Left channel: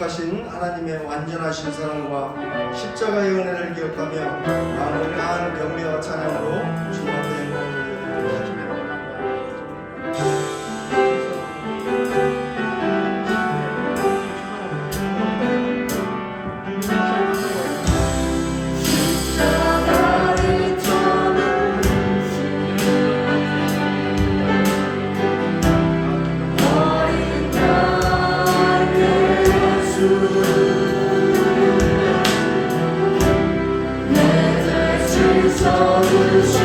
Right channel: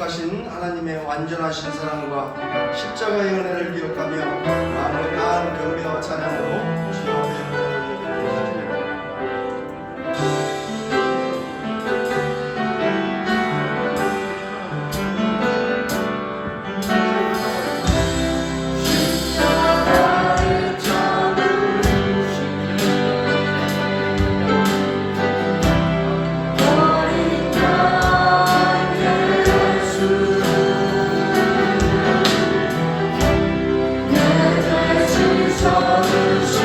약속하신 하나님의 완전하신 사랑과 십자가의 은혜를 기억하며 마음을 다하는 배우며 찬양으로 주여 앞에 내 죄 씻어주신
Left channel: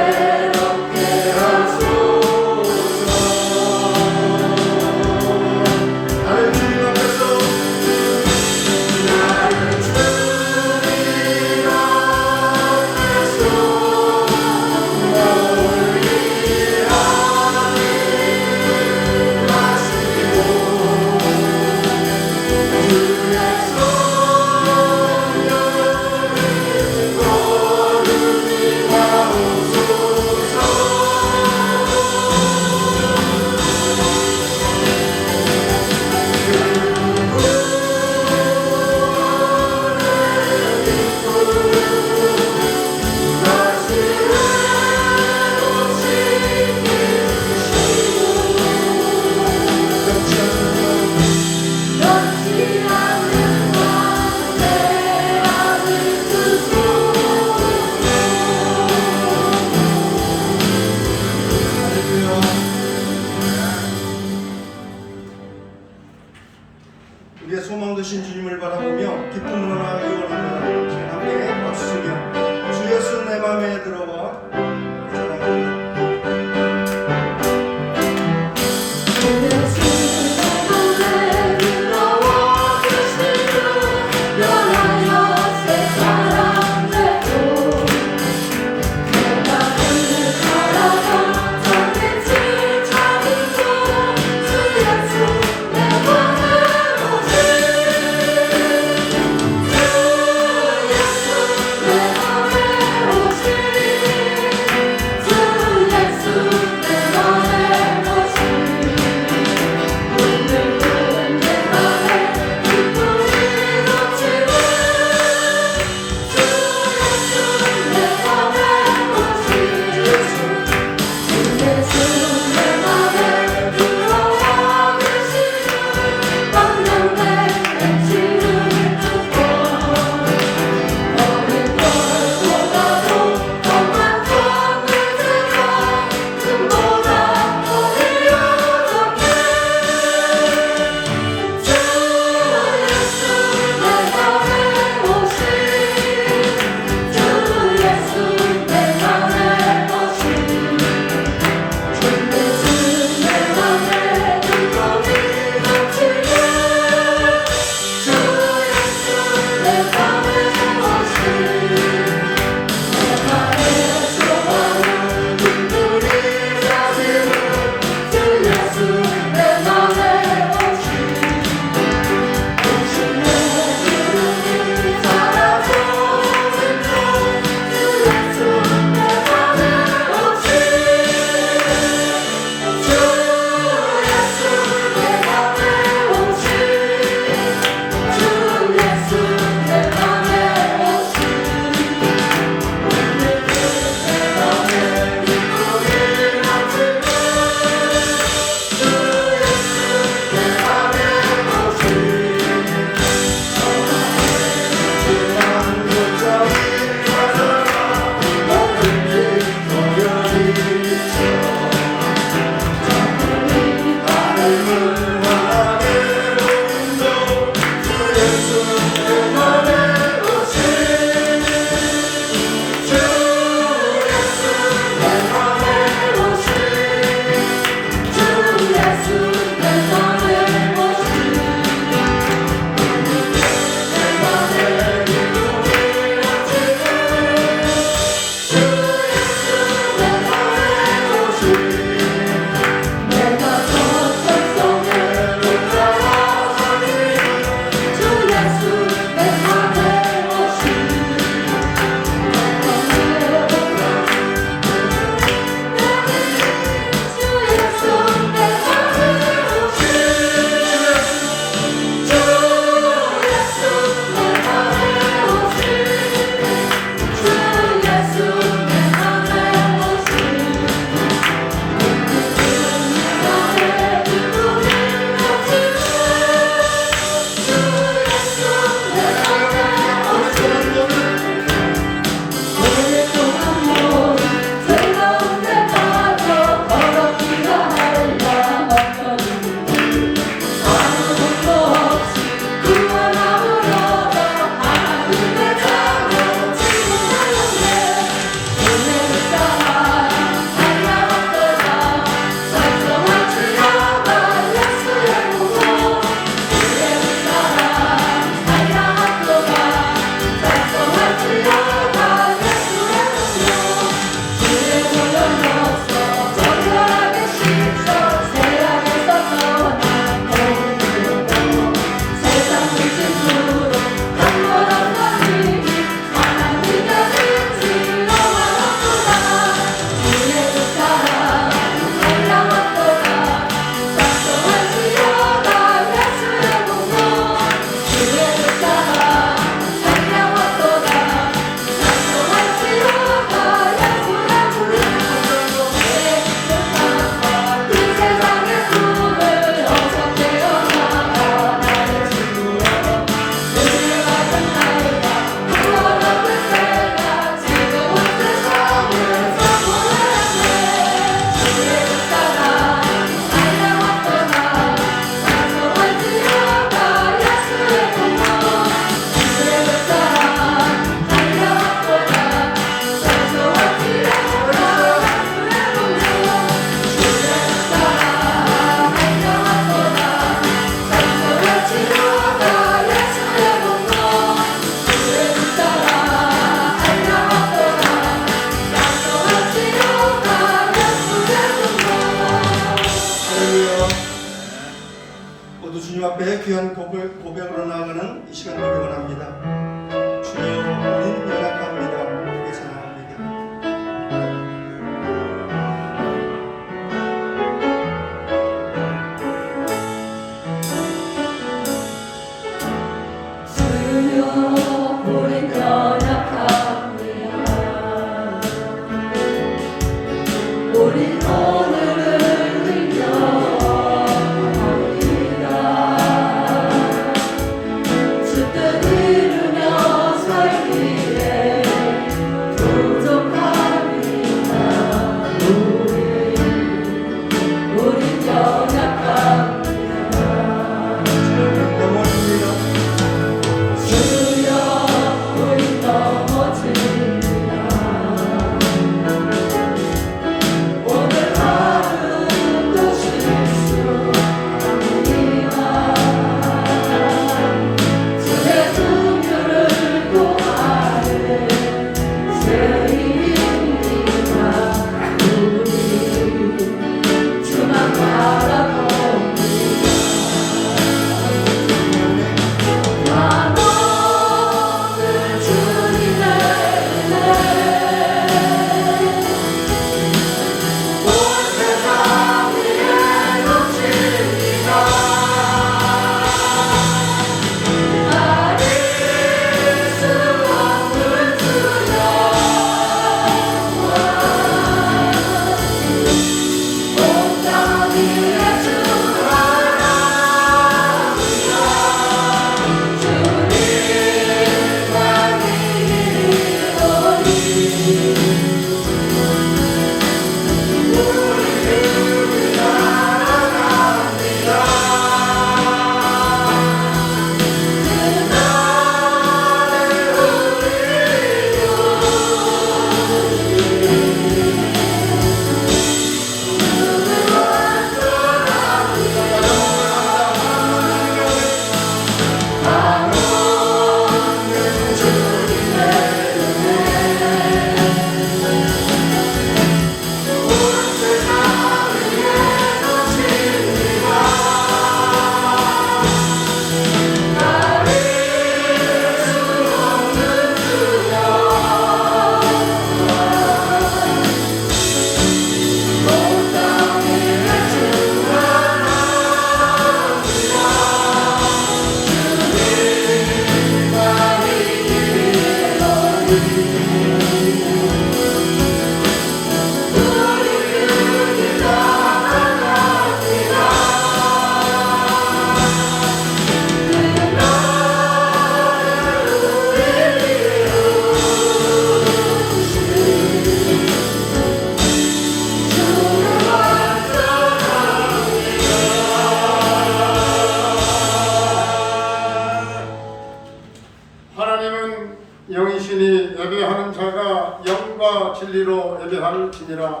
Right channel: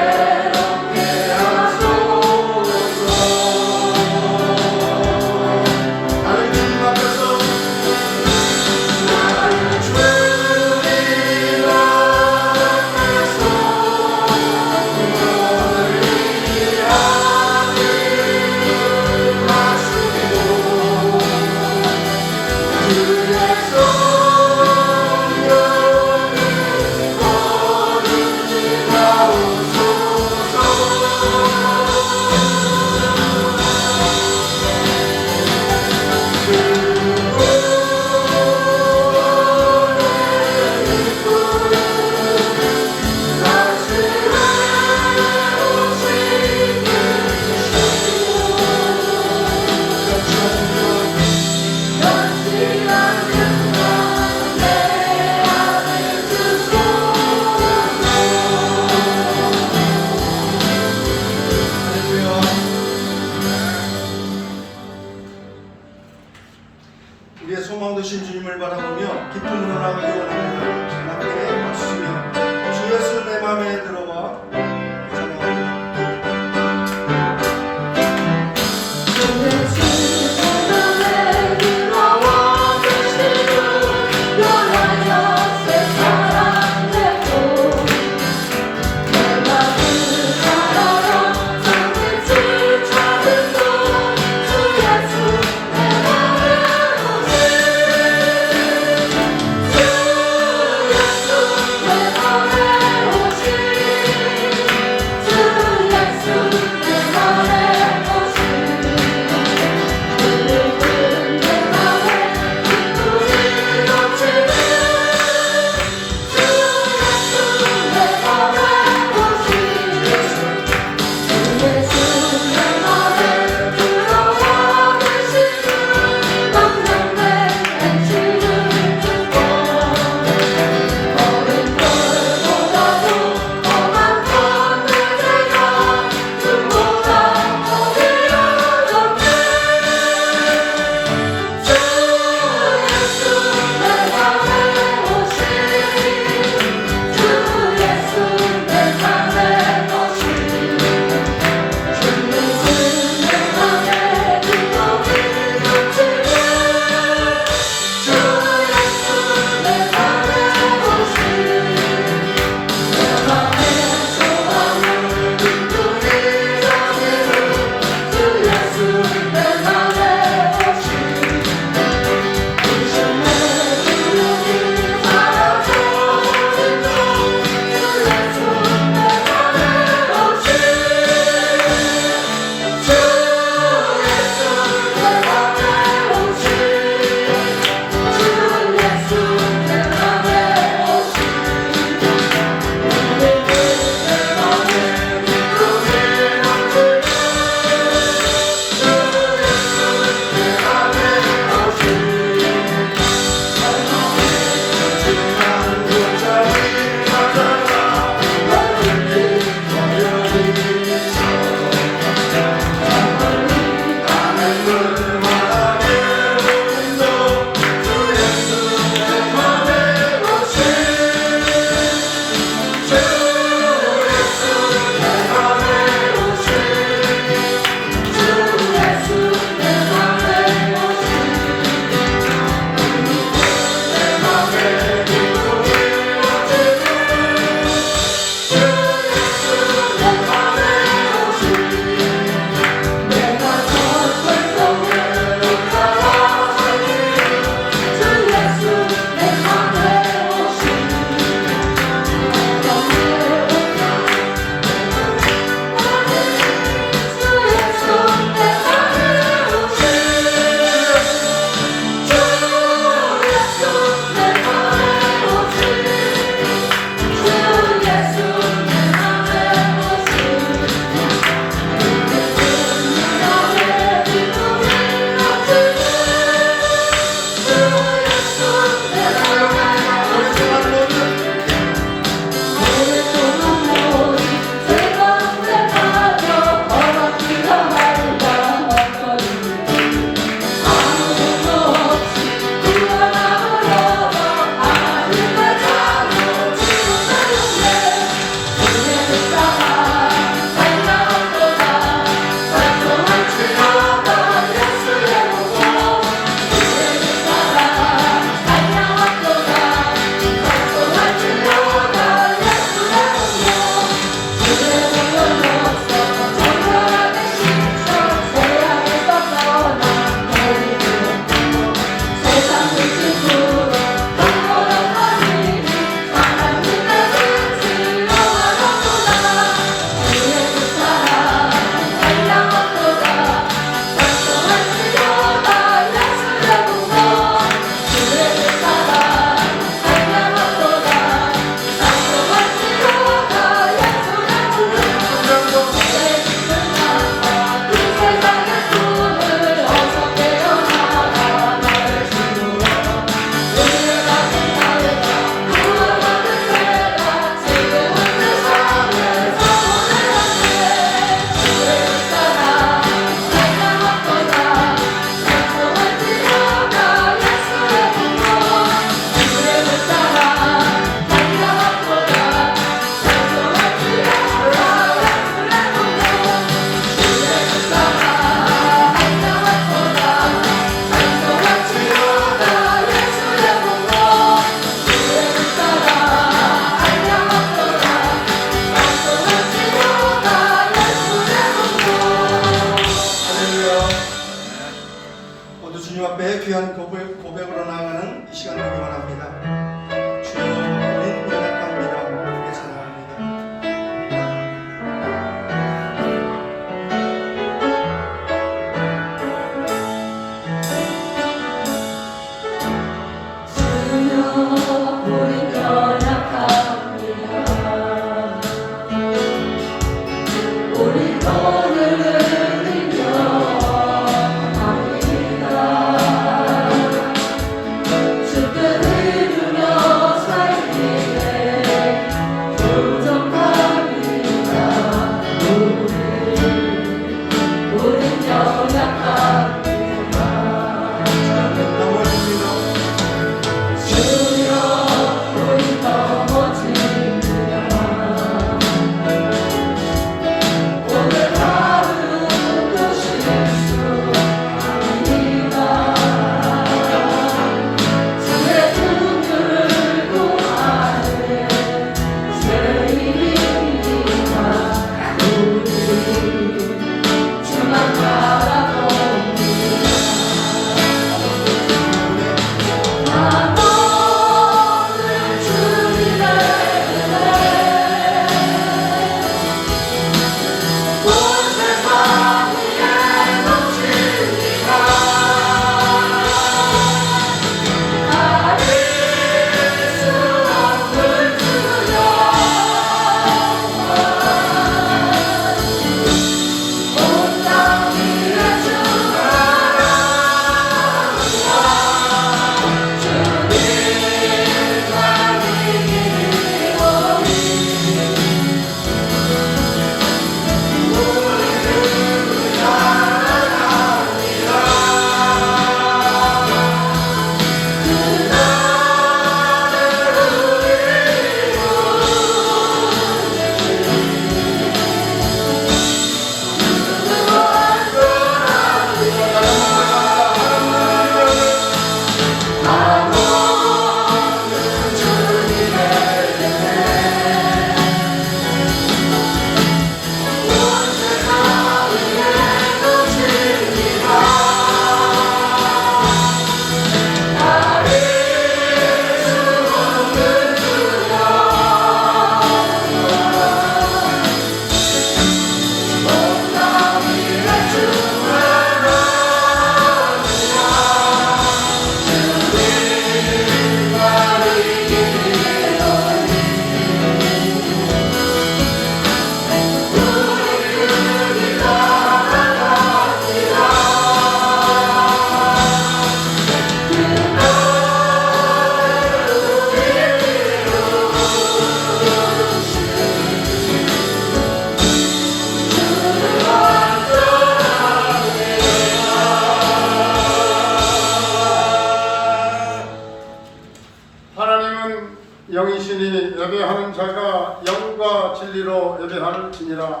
장차가 영과 진리로 예배할지니라.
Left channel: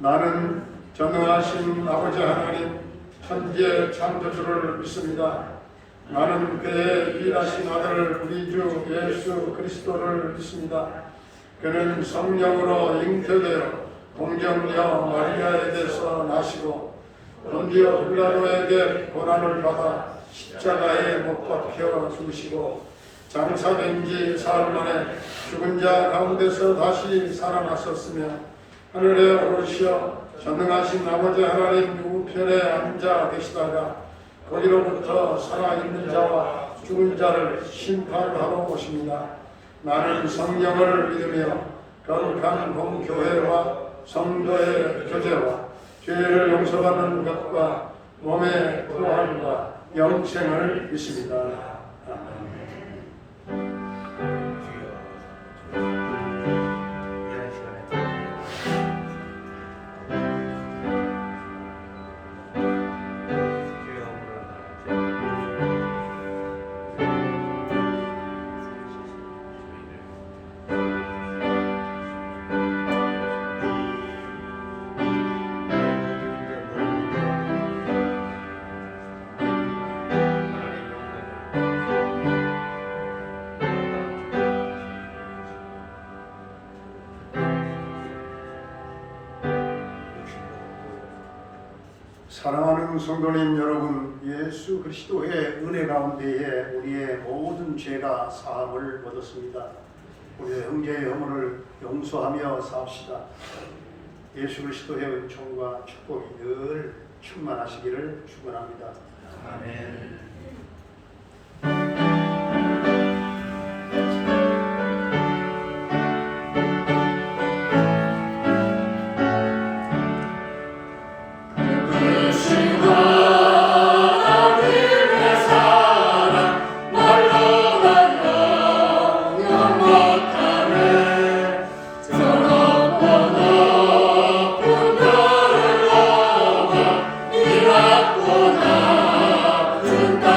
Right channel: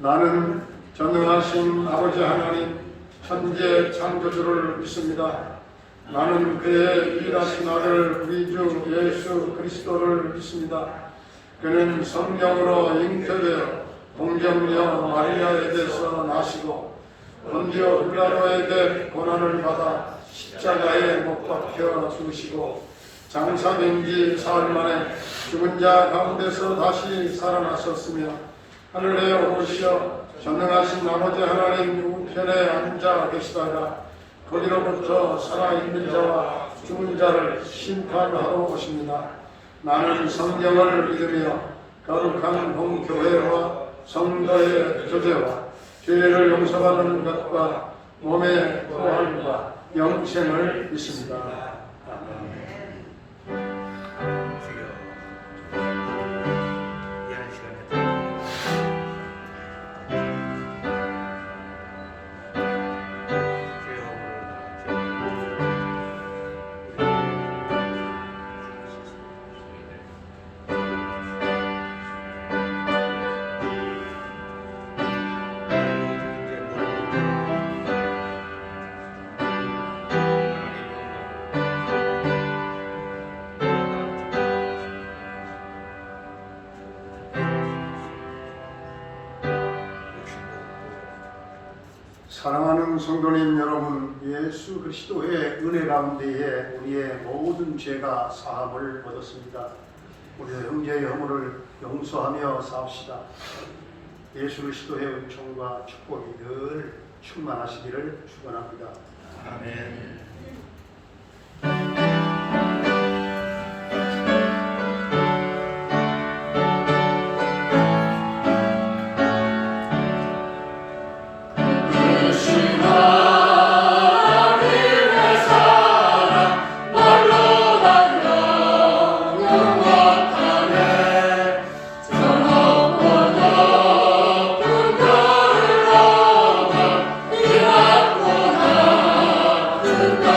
나는 전능하신 아버지 하나님 천지의 창조주를 믿습니다. 나는 그의 유일하신 아들 우리 주 예수 그리스도를 믿습니다. 그는 성령으로 잉태되어 동정녀 마리아에게서 나시고 본디오 빌라도에게 고난을 받아 십자가에 못 박혀 죽으시고 장사된 지 사흘 만에 죽은 자 가운데서 다시 살아나셨으며 하늘에 오르시어 전능하신 아버지 하나님 우편에 앉아 계시다가 거기로부터 살아있는 자와 죽은 자를 심판하러 오십니다. 나는 성령을 믿으며 거룩한 공교회와 성도의 교제와 죄를 용서받는 것과 몸의 부활과 영생을 믿습니다. 사랑하는 성도님 여러분, 예수 그리스도의 은혜 가운데에 우리의 모든 죄가 사함을 얻었습니다. 우리의 형제의 허물을 용서하며 삽시다. 예수 그리스도의 은총과 축복이 늘 충만하시기를 축원합니다. 아멘. 그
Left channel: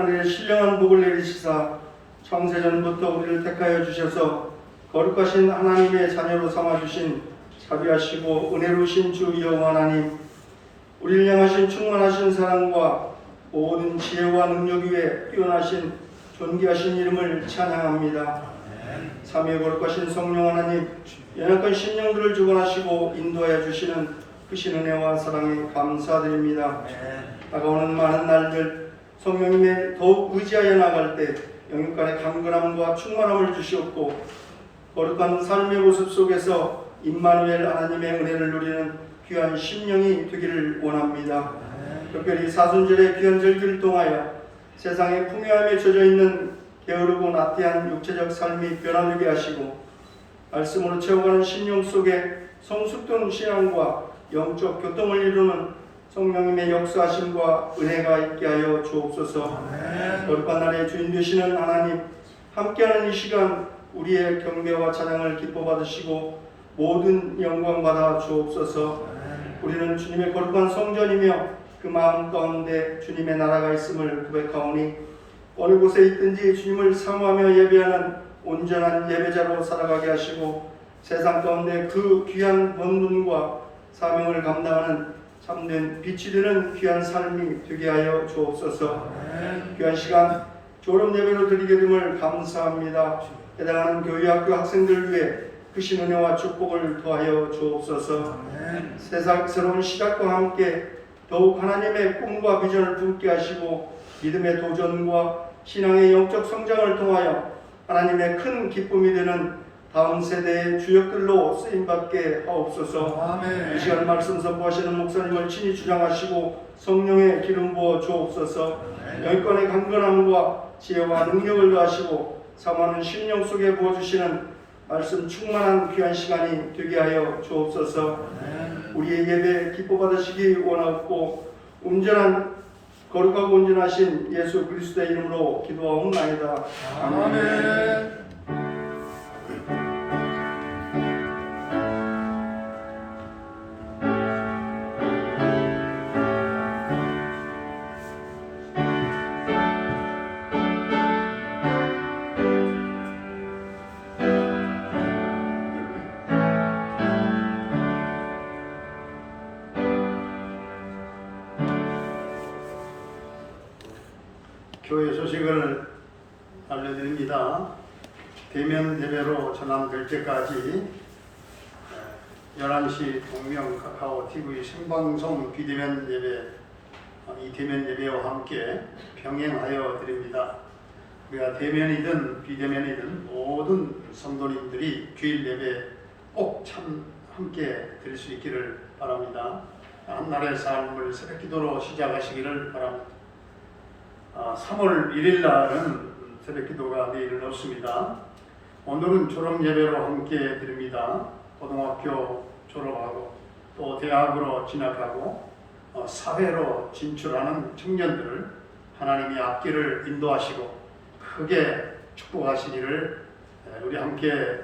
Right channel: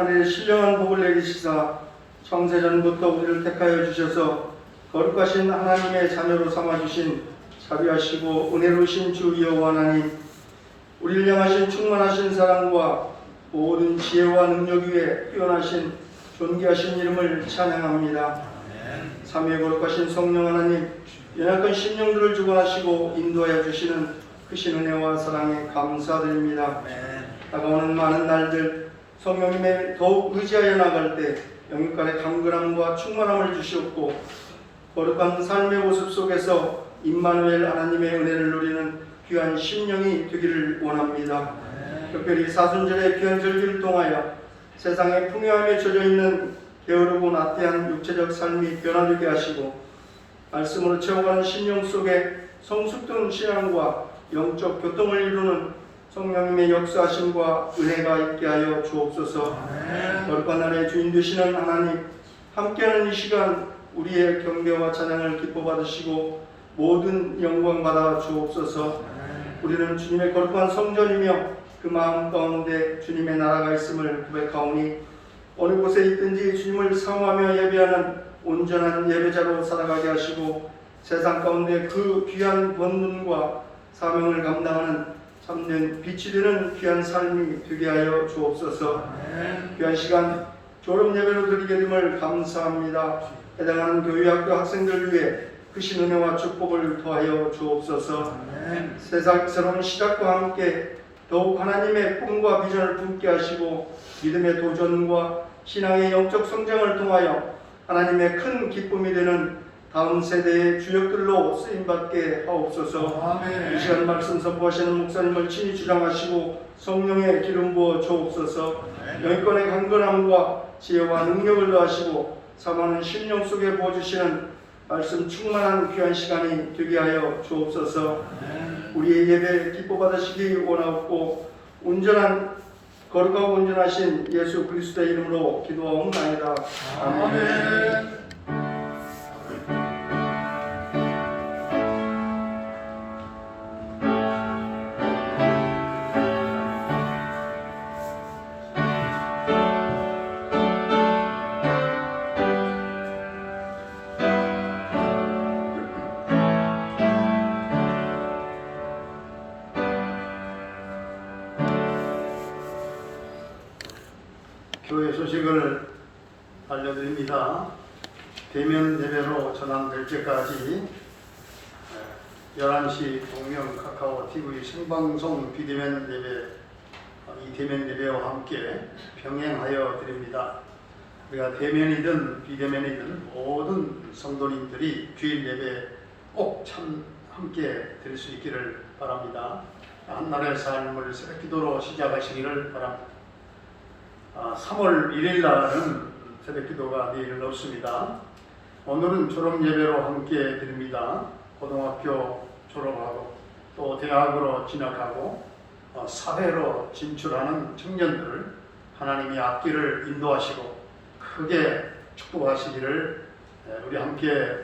하늘의 신령한 복을 내리시사 창세전부터 우리를 택하여 주셔서 거룩하신 하나님의 자녀로 삼아주신 자비하시고 은혜로우신 주 여호와 하나님, 우리를 향하신 충만하신 사랑과 모든 지혜와 능력 위에 뛰어나신 존귀하신 이름을 찬양합니다. 삼위의 거룩하신 성령 하나님, 연약한 심령들을 주관하시고 인도하여 주시는 크신 은혜와 사랑에 감사드립니다. 다가오는 많은 날들 성령님의 더욱 의지하여 나갈 때 영육간의 강건함과 충만함을 주시옵고 거룩한 삶의 모습 속에서 임마누엘 하나님의 은혜를 누리는 귀한 심령이 되기를 원합니다. 특별히 사순절의 귀한 절기를 통하여 세상의 풍요함에 젖어있는 게으르고 나태한 육체적 삶이 변화되게 하시고 말씀으로 채워가는 심령 속에 성숙된 신앙과 영적 교통을 이루는 성령님의 역사하심과 은혜가 있게 하여 주옵소서. 거룩한 날의 주인 되시는 하나님, 함께하는 이 시간 우리의 경배와 찬양을 기뻐 받으시고 모든 영광 받아 주옵소서. 우리는 주님의 거룩한 성전이며 그 마음 가운데 주님의 나라가 있음을 고백하오니 어느 곳에 있든지 주님을 사모하며 예배하는 온전한 예배자로 살아가게 하시고 세상 가운데 그 귀한 권능과 사명을 감당하는 참된 빛이 되는 귀한 삶이 되게 하여 주옵소서. 귀한 시간 졸업 예배로 드리게 됨을 감사합니다. 해당하는 교회학교 학생들 위해 크신 은혜와 축복을 더하여 주옵소서. 세상 새로운 시작과 함께 더욱 하나님의 꿈과 비전을 품게 하시고 믿음의 도전과 신앙의 영적 성장을 통하여 하나님의 큰 기쁨이 되는 다음 세대의 주역들로 쓰임받게 하옵소서. 이 시간 말씀 선포하시는 목사님을 친히 주장하시고 성령의 기름 부어 주옵소서. 영권의 강건함과 지혜와 능력을 더하시고 사모하는 심령 속에 부어주시는 말씀 충만한 귀한 시간이 되게 하여 주옵소서. 우리의 예배 기뻐 받으시기 원하옵고 온전한 거룩하고 온전하신 예수 그리스도의 이름으로 기도하옵나이다. 아멘. 교회 소식을 알려드립니다. 대면 예배로 전환될 때까지 11시 동명 카카오 TV 생방송 비대면 예배, 이 대면 예배와 함께 병행하여 드립니다. 우리가 대면이든 비대면이든 모든 성도님들이 주일 예배 꼭 함께 드릴 수 있기를 바랍니다. 한날의 삶을 새벽기도로 시작하시기를 바랍니다. 3월 1일 날은 새벽기도가 내일은 없습니다. 오늘은 졸업예배로 함께 드립니다. 고등학교 졸업하고 또 대학으로 진학하고 사회로 진출하는 청년들을 하나님이 앞길을 인도하시고 크게 축복하시기를 우리 함께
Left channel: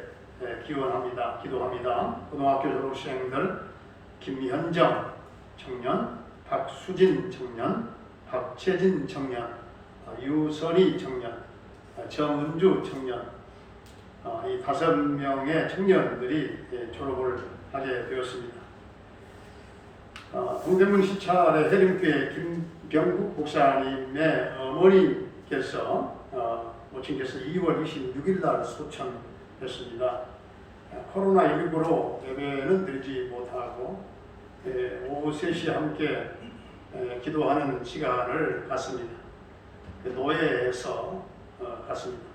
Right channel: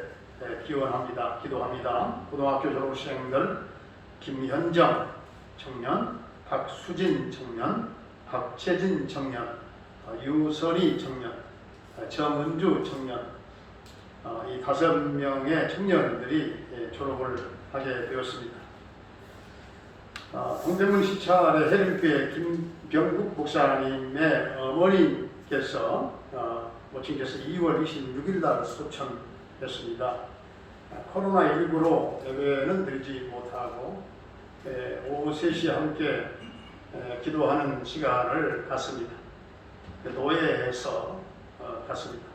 기원합니다. 기도합니다. 고등학교 졸업생들 김현정 청년, 박수진 청년, 박채진 청년, 유선희 청년, 정은주 청년, 이 5명의 청년들이 졸업을 하게 되었습니다. 동대문 시찰의 해림교회 김병국 목사님의 어머니께서 모친께서 2월 26일 날 소천했습니다. 코로나19로 예배는 드리지 못하고 오후 3시에 함께 기도하는 시간을 갖습니다. 노예에서 갖습니다.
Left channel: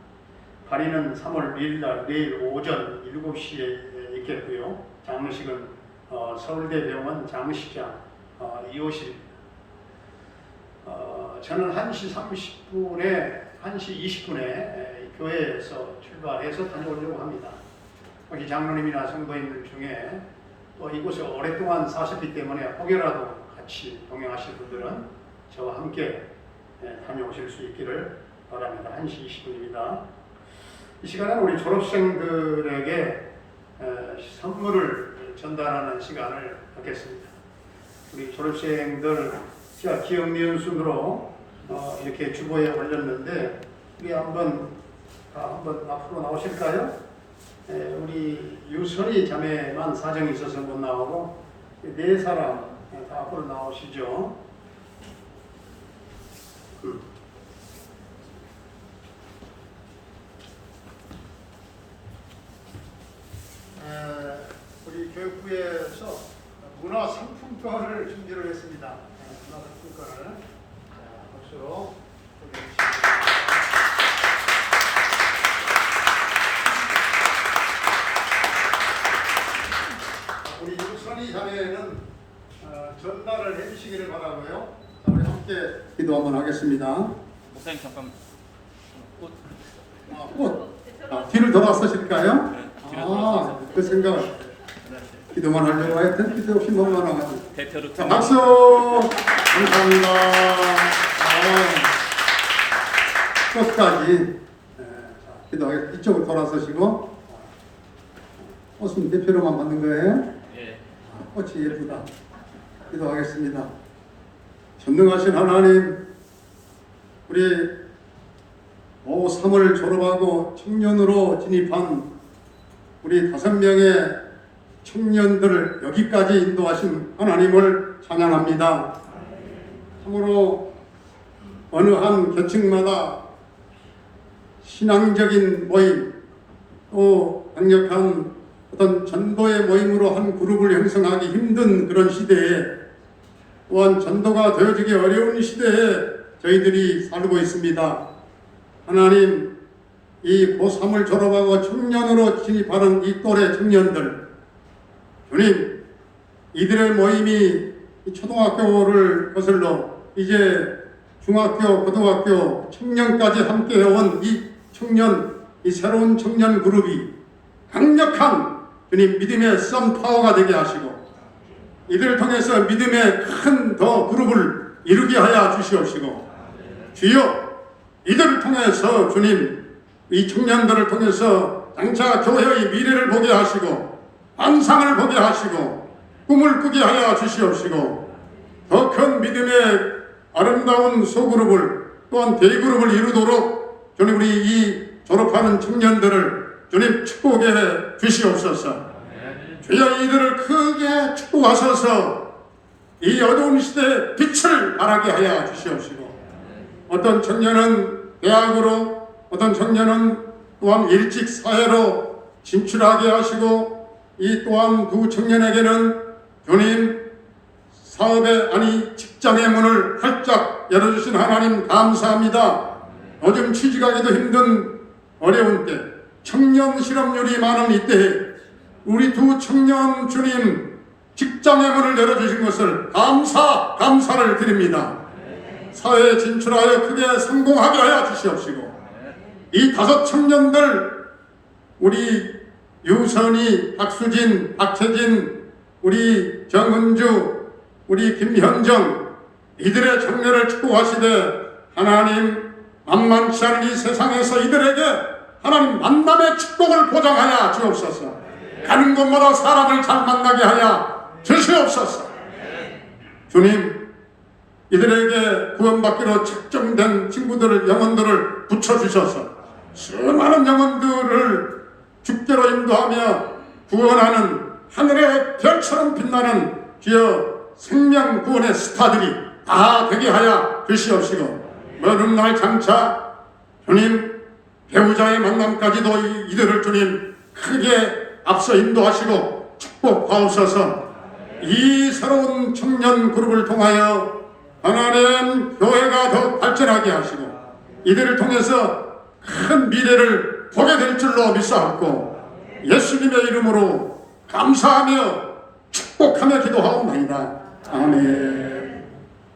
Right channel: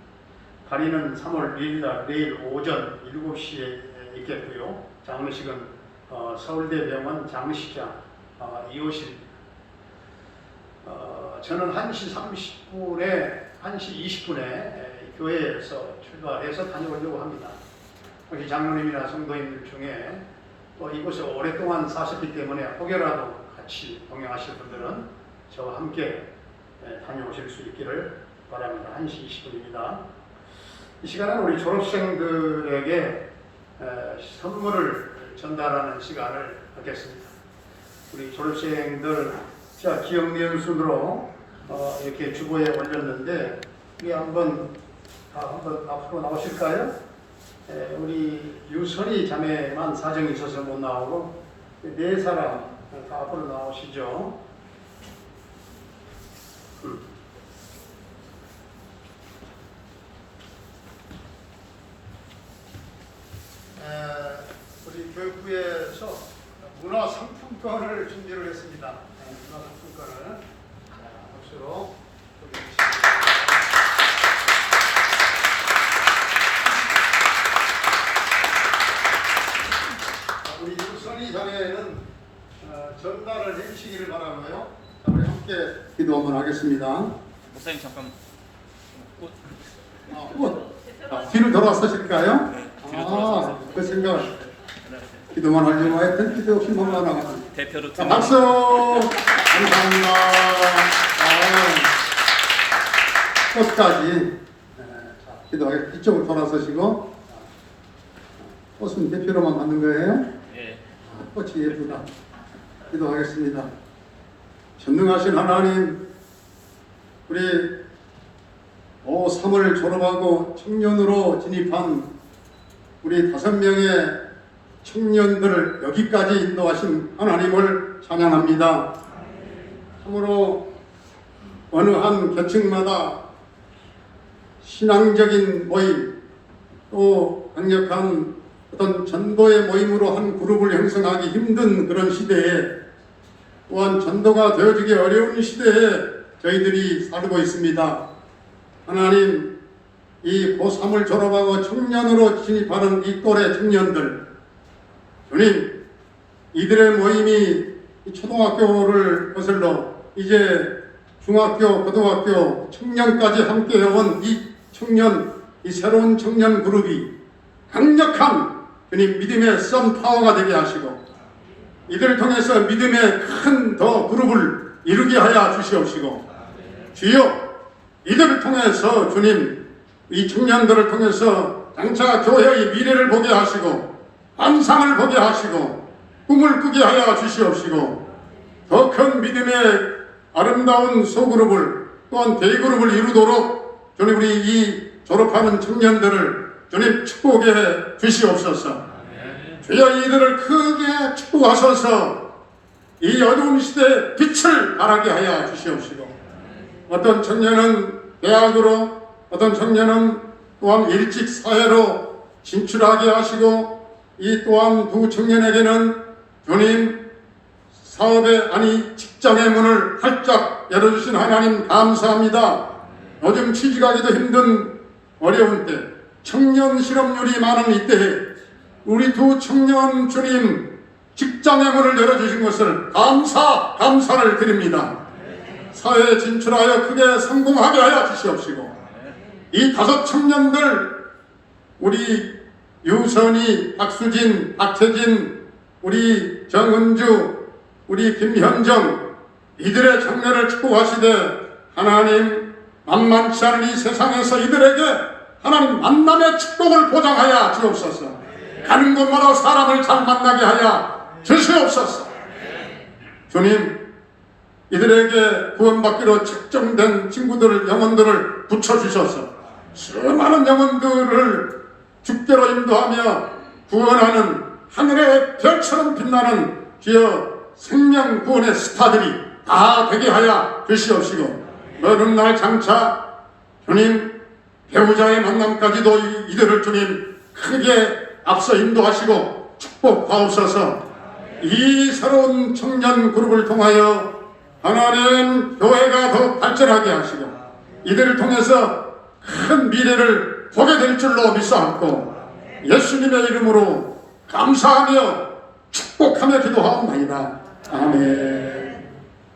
발인은 3월 1일 날 내일 오전 7시에 있겠고요. 장례식은 서울대병원 장례식장 2호실입니다. 저는 1시 20분에 교회에서 출발해서 다녀오려고 합니다. 혹시 장로님이나 성도님들 중에 또 이곳에 오랫동안 사셨기 때문에 혹여라도 같이 동행하실 분들은 저와 함께 다녀오실 수 있기를 바랍니다. 1시 20분입니다. 이 시간은 우리 졸업생들에게 선물을 전달하는 시간을 갖겠습니다. 우리 졸업생들 기억니은 순으로 이렇게 주보에 올렸는데 우리 한번 앞으로 나오실까요? 우리 유선이 자매만 사정이 있어서 못 나오고 네 사람 다 앞으로 나오시죠. 우리 교육부에서 문화상품권을 준비를 했습니다. 문화상품권을 박수로 소개해주시겠습니다. 우리 유선이 자매는 전달을 해주시기를 바라고요. 자, 우리 함께 기도 한번 하겠습니다. 목사님 잠깐 꽃. 꽃. 뒤를 돌아서실까요? 네, 뒤로 돌아서서. 그 생각. 기도만 하려고 하여튼 기도 없이 넘어가나가지고. 대표로 자, 박수! 감사합니다. 끝까지. 자, 기도하겠습니다. 이쪽으로 돌아서시고. 꽃은 대표로만 받는 거예요? 예. 꽃이 예쁘다. 기도하겠습니다. 전능하신 하나님, 우리 3월 졸업하고 청년으로 진입한 우리 5명의 청년들을 여기까지 인도하신 하나님을 찬양합니다. 참으로 어느 한 계층마다 신앙적인 모임, 또 강력한 어떤 전도의 모임으로 한 그룹을 형성하기 힘든 그런 시대에, 또한 전도가 되어지기 어려운 시대에 저희들이 살고 있습니다. 하나님, 이 고3을 졸업하고 청년으로 진입하는 이 또래 청년들, 주님, 이들의 모임이 초등학교를 거슬러 이제 중학교, 고등학교, 청년까지 함께 해온 이 청년, 이 새로운 청년 그룹이 강력한 주님 믿음의 썸파워가 되게 하시고, 이들을 통해서 믿음의 큰 더 그룹을 이루게 하여 주시옵시고, 주여, 이들을 통해서 주님, 이 청년들을 통해서 장차 교회의 미래를 보게 하시고, 환상을 보게 하시고, 꿈을 꾸게 하여 주시옵시고, 더 큰 믿음의 아름다운 소그룹을, 또한 대그룹을 이루도록 주님, 우리 이 졸업하는 청년들을 주님 축복해 주시옵소서. 주여, 이들을 크게 축복하소서. 이 어두운 시대에 빛을 발하게 하여 주시옵시고, 어떤 청년은 대학으로, 어떤 청년은 또한 일찍 사회로 진출하게 하시고, 이 또한 두 청년에게는 주님 사업의 아니 직장의 문을 활짝 열어주신 하나님 감사합니다. 요즘 취직하기도 힘든 어려운 때, 청년 실업률이 많은 이때에 우리 두 청년 주님 직장의 문을 열어주신 것을 감사를 드립니다. 사회에 진출하여 크게 성공하게 하여 주시옵시고, 이 5 청년들, 우리 유선이, 박수진, 박채진, 우리 정은주, 우리 김현정, 이들의 장래를 축복하시되 하나님, 만만치 않은 이 세상에서 이들에게 하나님 만남의 축복을 보장하여 주옵소서. 가는 곳마다 사람을 잘 만나게 하여 주시옵소서. 주님, 이들에게 구원받기로 책정된 친구들을, 영혼들을 붙여주셔서 수많은 영혼들을 주께로 인도하며 구원하는 하늘의 별처럼 빛나는 주여 생명 구원의 스타들이 다 되게 하여 주시옵시고, 어느 날 장차 주님 배우자의 만남까지도 이들을 주님 크게 앞서 인도하시고 축복하옵소서. 이 새로운 청년 그룹을 통하여 하나님 교회가 더 발전하게 하시고, 이들을 통해서 큰 미래를 보게 될 줄로 믿사옵고, 예수님의 이름으로 감사하며 축복하며 기도하옵나이다. 아멘.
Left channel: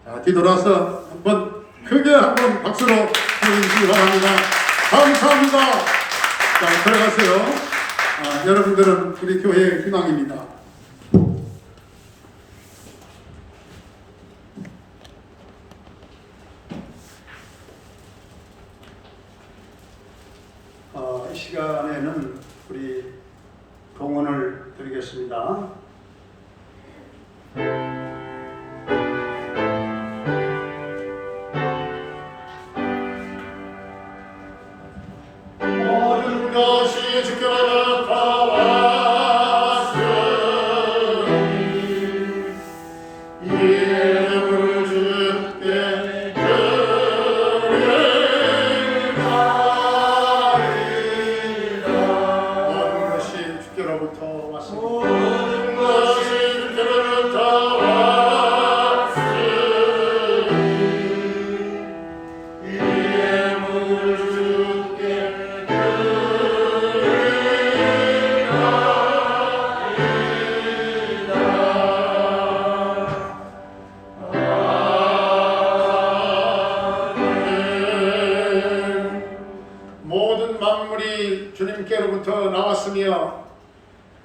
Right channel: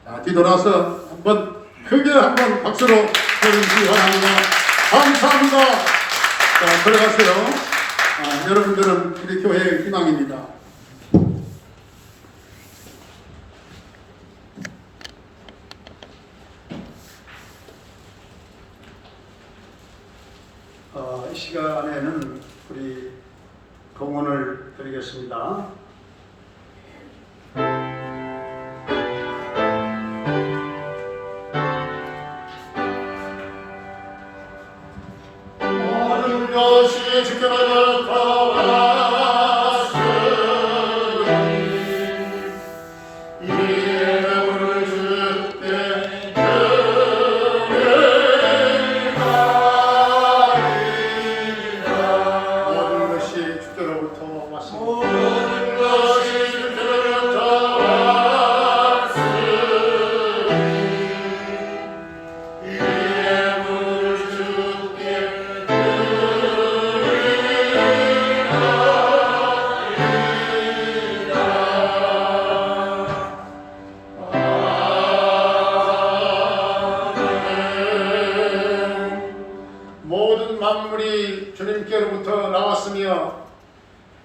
자, 뒤돌아서 한번 크게 한번 박수로 해주시기 바랍니다. 감사합니다. 자, 들어가세요. 여러분들은 우리 교회의 희망입니다. 이 시간에는 우리 동원을 드리겠습니다. 것이 주께로부터 왔으니 이름을 주께 드리리라. 모든 것이 주께로부터 왔습니다. 모든 것이 주께로부터 왔으니 이름을 주께 모든 만물이 주님께로부터 나왔으며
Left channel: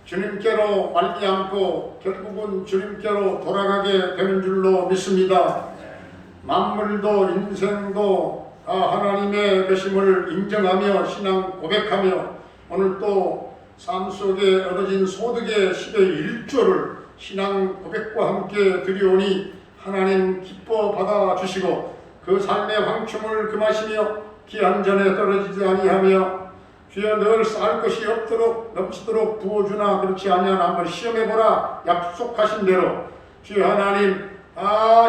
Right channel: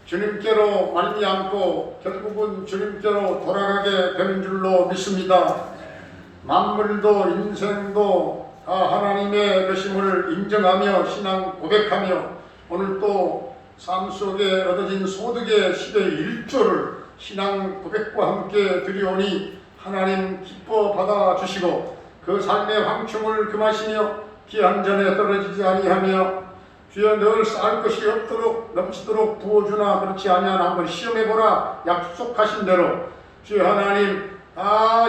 주님께로 말미암고 결국은 주님께로 돌아가게 되는 줄로 믿습니다. 만물도 인생도 다 하나님의 것임을 인정하며 신앙 고백하며 오늘 또 삶 속에 얻어진 소득의 10의 1조를 신앙 고백과 함께 드리오니 하나님 기뻐 받아주시고 그 삶의 황충을 금하시며 기한 전에 떨어지지 아니하며 주여 늘 쌓을 것이 없도록 넘치도록 부어주나 그렇지 아니하나 한번 시험해보라 약속하신 대로 주여 하나님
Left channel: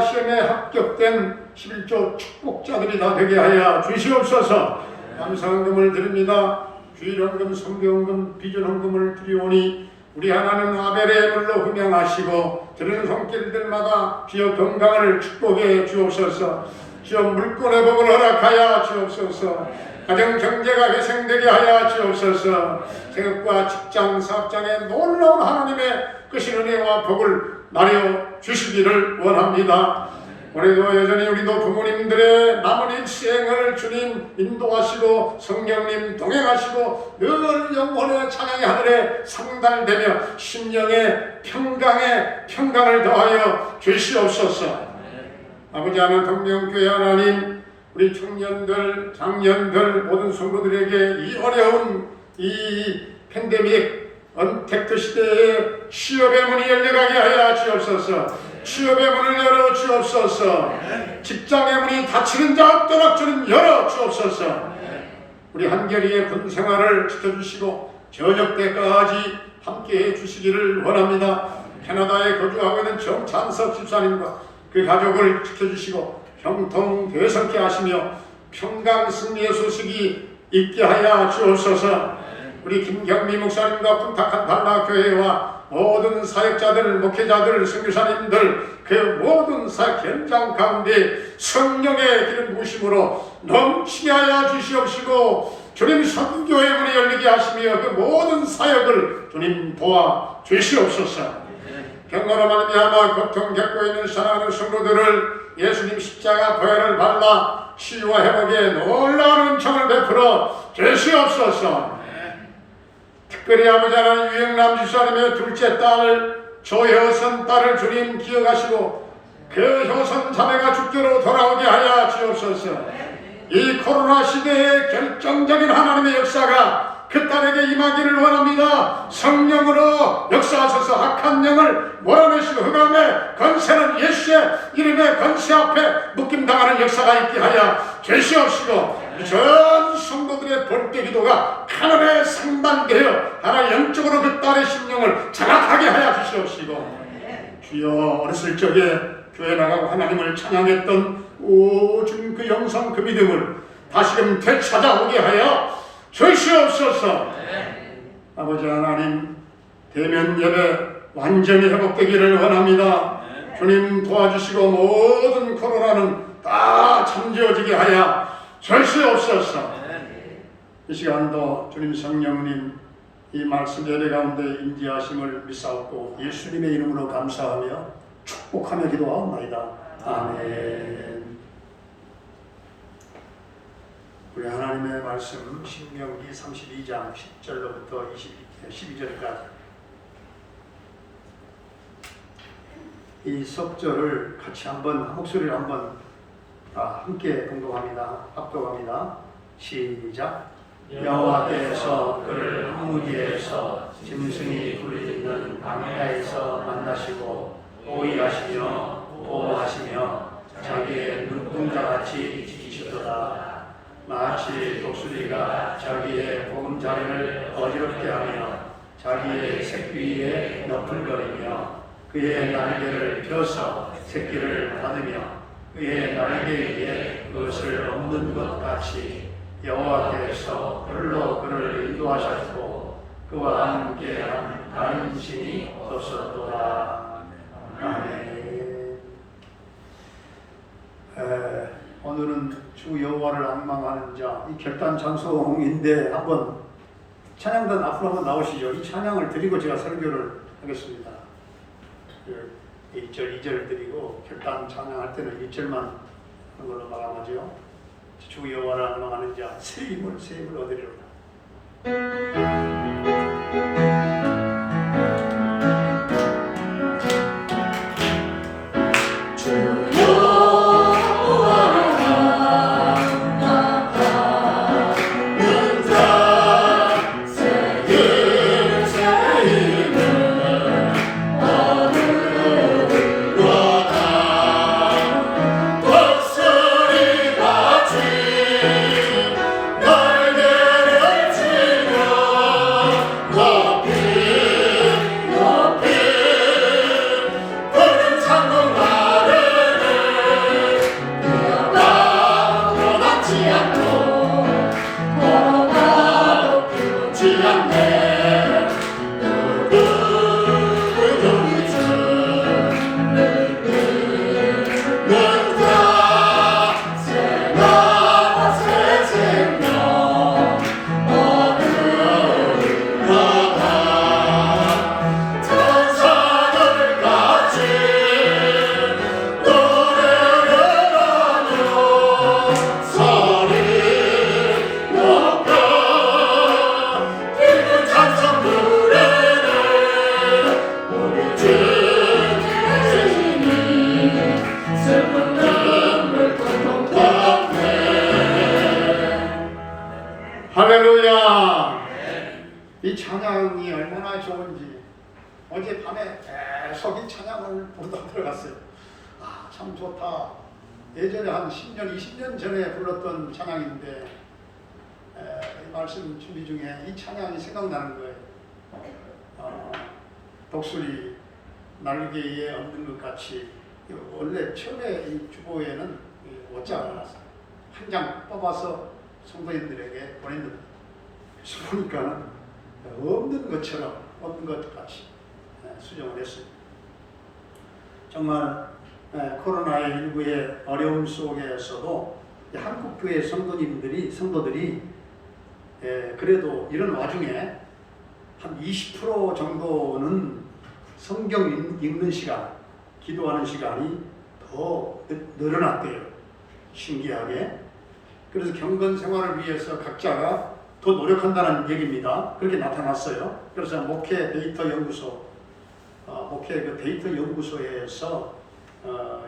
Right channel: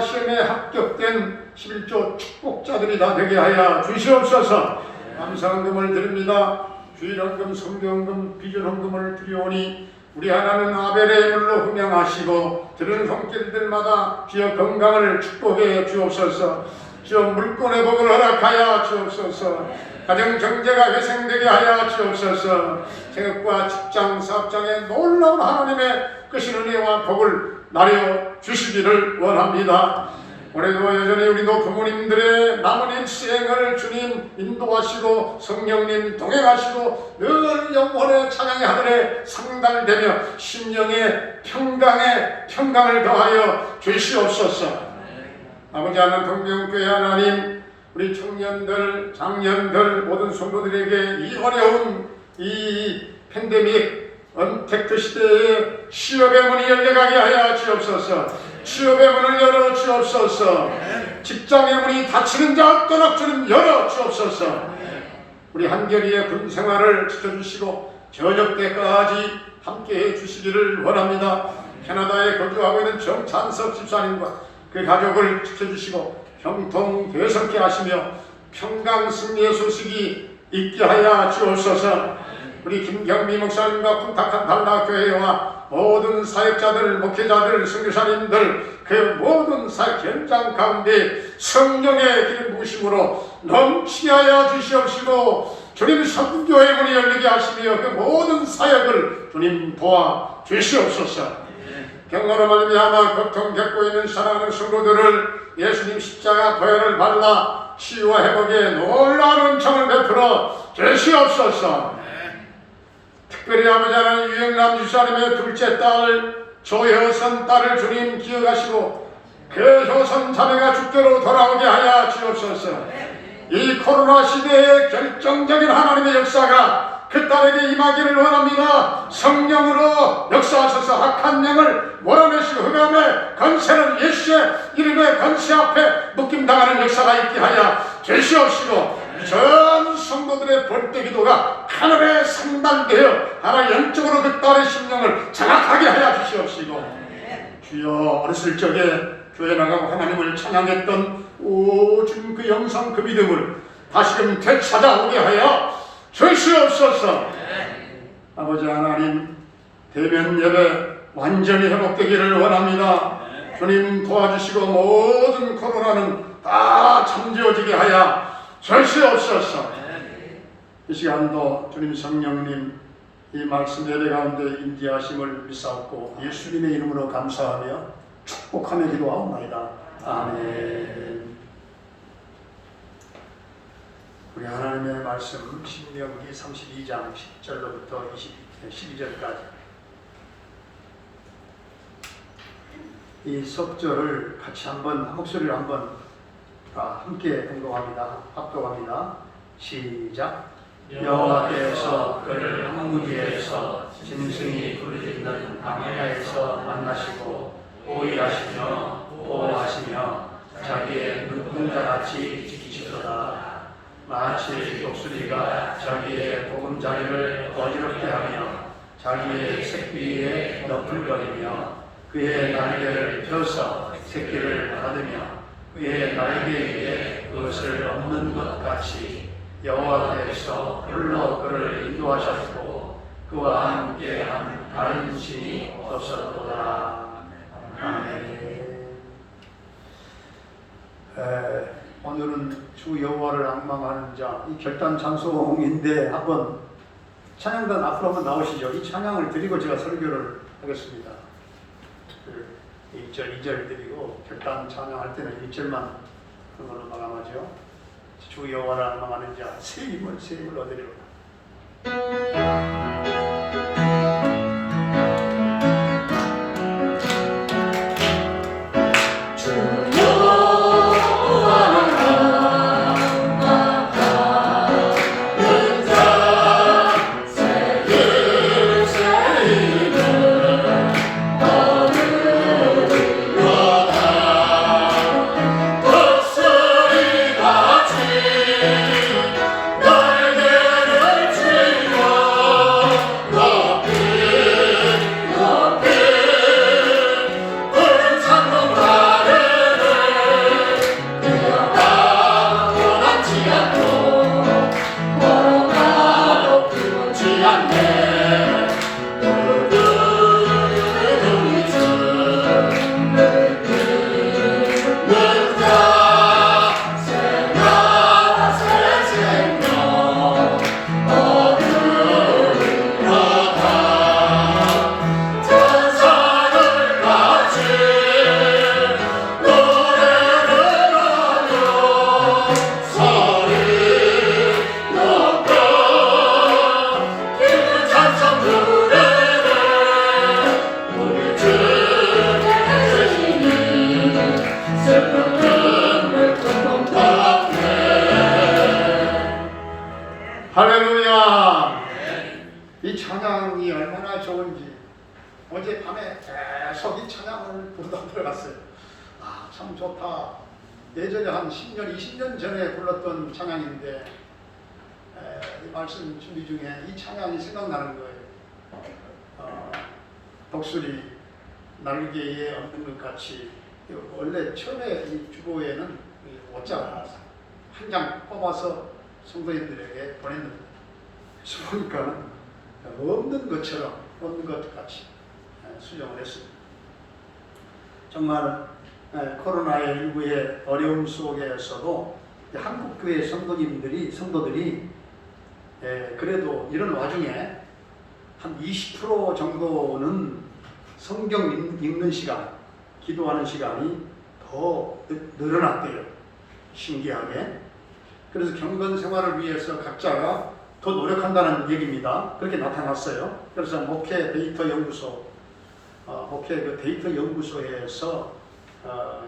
시험에 합격된 11조 축복자들이 다 되게 하여 주시옵소서. 감사헌금을 드립니다. 주일헌금, 성교헌금, 비전헌금을 드리오니 우리 하나는 아벨의 물로 흠양하시고 들은 손길들마다 주여 건강을 축복해 주옵소서. 주여 물권의 복을 허락하여 주옵소서. 가정 경제가 회생되게 하여 주옵소서. 생업과 직장, 사업장에 놀라운 하나님의 끝인 은혜와 복을 나려 주시기를 원합니다. 올해도 여전히 우리도 부모님들의 남은 일생을 주님 인도하시고 성령님 동행하시고 늘 영혼의 찬양의 하늘에 상달되며 심령의 평강을 더하여 주시옵소서. 아버지 하나님 동명교회 하나님 우리 청년들 장년들 모든 성도들에게 이 어려운 이 팬데믹 언택트 시대에 취업의 문이 열려가게 하여 주옵소서. 취업의 문을 열어 주옵소서. 직장의 문이 닫히는 자 없도록 주님 열어 주옵소서. 우리 한결이의 군 생활을 지켜주시고 저녁 때까지 함께해 주시기를 원합니다. 캐나다에 거주하고 있는 정찬석 집사님과 그 가족을 지켜주시고 형통 되성케 하시며 평강 승리의 소식이 있게 하여 주옵소서. 우리 김경미 목사님과 군탁한 달라교회와 모든 사역자들, 목회자들, 선교사님들 그 모든 사역 현장 가운데 성령의 기름 부으심으로 넘치게 하여 주시옵시고 주님 선교의 문이 열리게 하시며 그 모든 사역을 주님 도와 주시옵소서. 병나로 말미암아 고통 겪고 있는 사랑하는 성도들을 예수님 십자가 보혈을 발라 치유와 회복에 놀라운 은총을 베풀어 주시옵소서. 특별히 아버지 하나님 유영남 집사님의 둘째 딸 조효선 딸을 주님 기억하시고 그 효선 자매가 주께로 돌아오게 하여 주옵소서. 이 코로나 시대의 결정적인 하나님의 역사가 그 딸에게 임하기를 원합니다. 성령으로 역사하셔서 악한 영을 몰아내시고 흑암의 건세는 예수의 이름의 건세 앞에 묶임당하는 역사가 있게 하여 주시옵시고 전 성도들의 볼때 기도가 하늘에 상달되어 하나 영적으로 그 딸의 심령을 장악하게 하여 주시옵시고 주여 어렸을 적에 교회 나가고 하나님을 찬양했던 오준 그 영성 그 믿음을 다시금 되찾아오게 하여 주시옵소서. 아버지 하나님 대면 예배 완전히 회복되기를 원합니다. 주님 도와주시고 모든 코로나는 다 잠재워지게 하여 주시옵소서. 이 시간도 주님 성령님 이 말씀 예배 가운데 인지하심을 믿사옵고 예수님의 이름으로 감사하며 축복하며 기도하옵나이다. 아멘. 우리 하나님의 말씀 신명기 32장 10절로부터 12절까지 이 속절을 같이 한번 목소리를 한번 함께 공동합니다. 합독합니다. 시작. 여호와께서 그를 황무지에서 짐승이 굴리는 광야에서 만나시고 호위하시며 보호하시며 자기의 눈동자같이 지키시더라. 마치 마치 독수리가 자기의 보금자리를 어지럽게 하며 자기의 새끼 위에 너풀거리며 그의 날개를 펴서 새끼를 받으며 그의 날개 위에 그것을 없는 것 같이 여호와께서 불로 그를 인도하셨고 그와 함께한 다른 신이 없었도다. 아멘. 오늘은 주 여호와를 앙망하는 자, 이 결단 찬송인데 한번 찬양단 앞으로 한번 나오시죠. 이 찬양을 드리고 제가 설교를 하겠습니다. 1절, 2절 드리고 결단 찬양할 때는 1절만 그걸로 마감하죠. 주 여호와를 앙망하는 자, 새 힘을 얻으리로다. 할렐루야! 이 찬양이 얼마나 좋은지 어젯밤에 계속 이 찬양을 부르다 들어갔어요. 아, 참 좋다. 예전에 한 10년, 20년 전에 불렀던 찬양인데 이 말씀 준비 중에 이 찬양이 생각나는 거예요. 독수리 날개에 없는 것 같이. 원래 처음에 이 주보에는 오자가 한 장 뽑아서 성도인들에게 보냈는데 그래서 보니까 없는 것처럼 없는 것 같이 수정을 했습니다. 정말 코로나19의 어려움 속에서도 한국교회 성도들이 그래도 이런 와중에 한 20% 정도는 성경 읽는 시간, 기도하는 시간이 더 늘어났대요. 신기하게. 그래서 경건 생활을 위해서 각자가 더 노력한다는 얘기입니다. 그렇게 나타났어요. 그래서 목회 데이터 연구소, 목회 그 데이터 연구소에서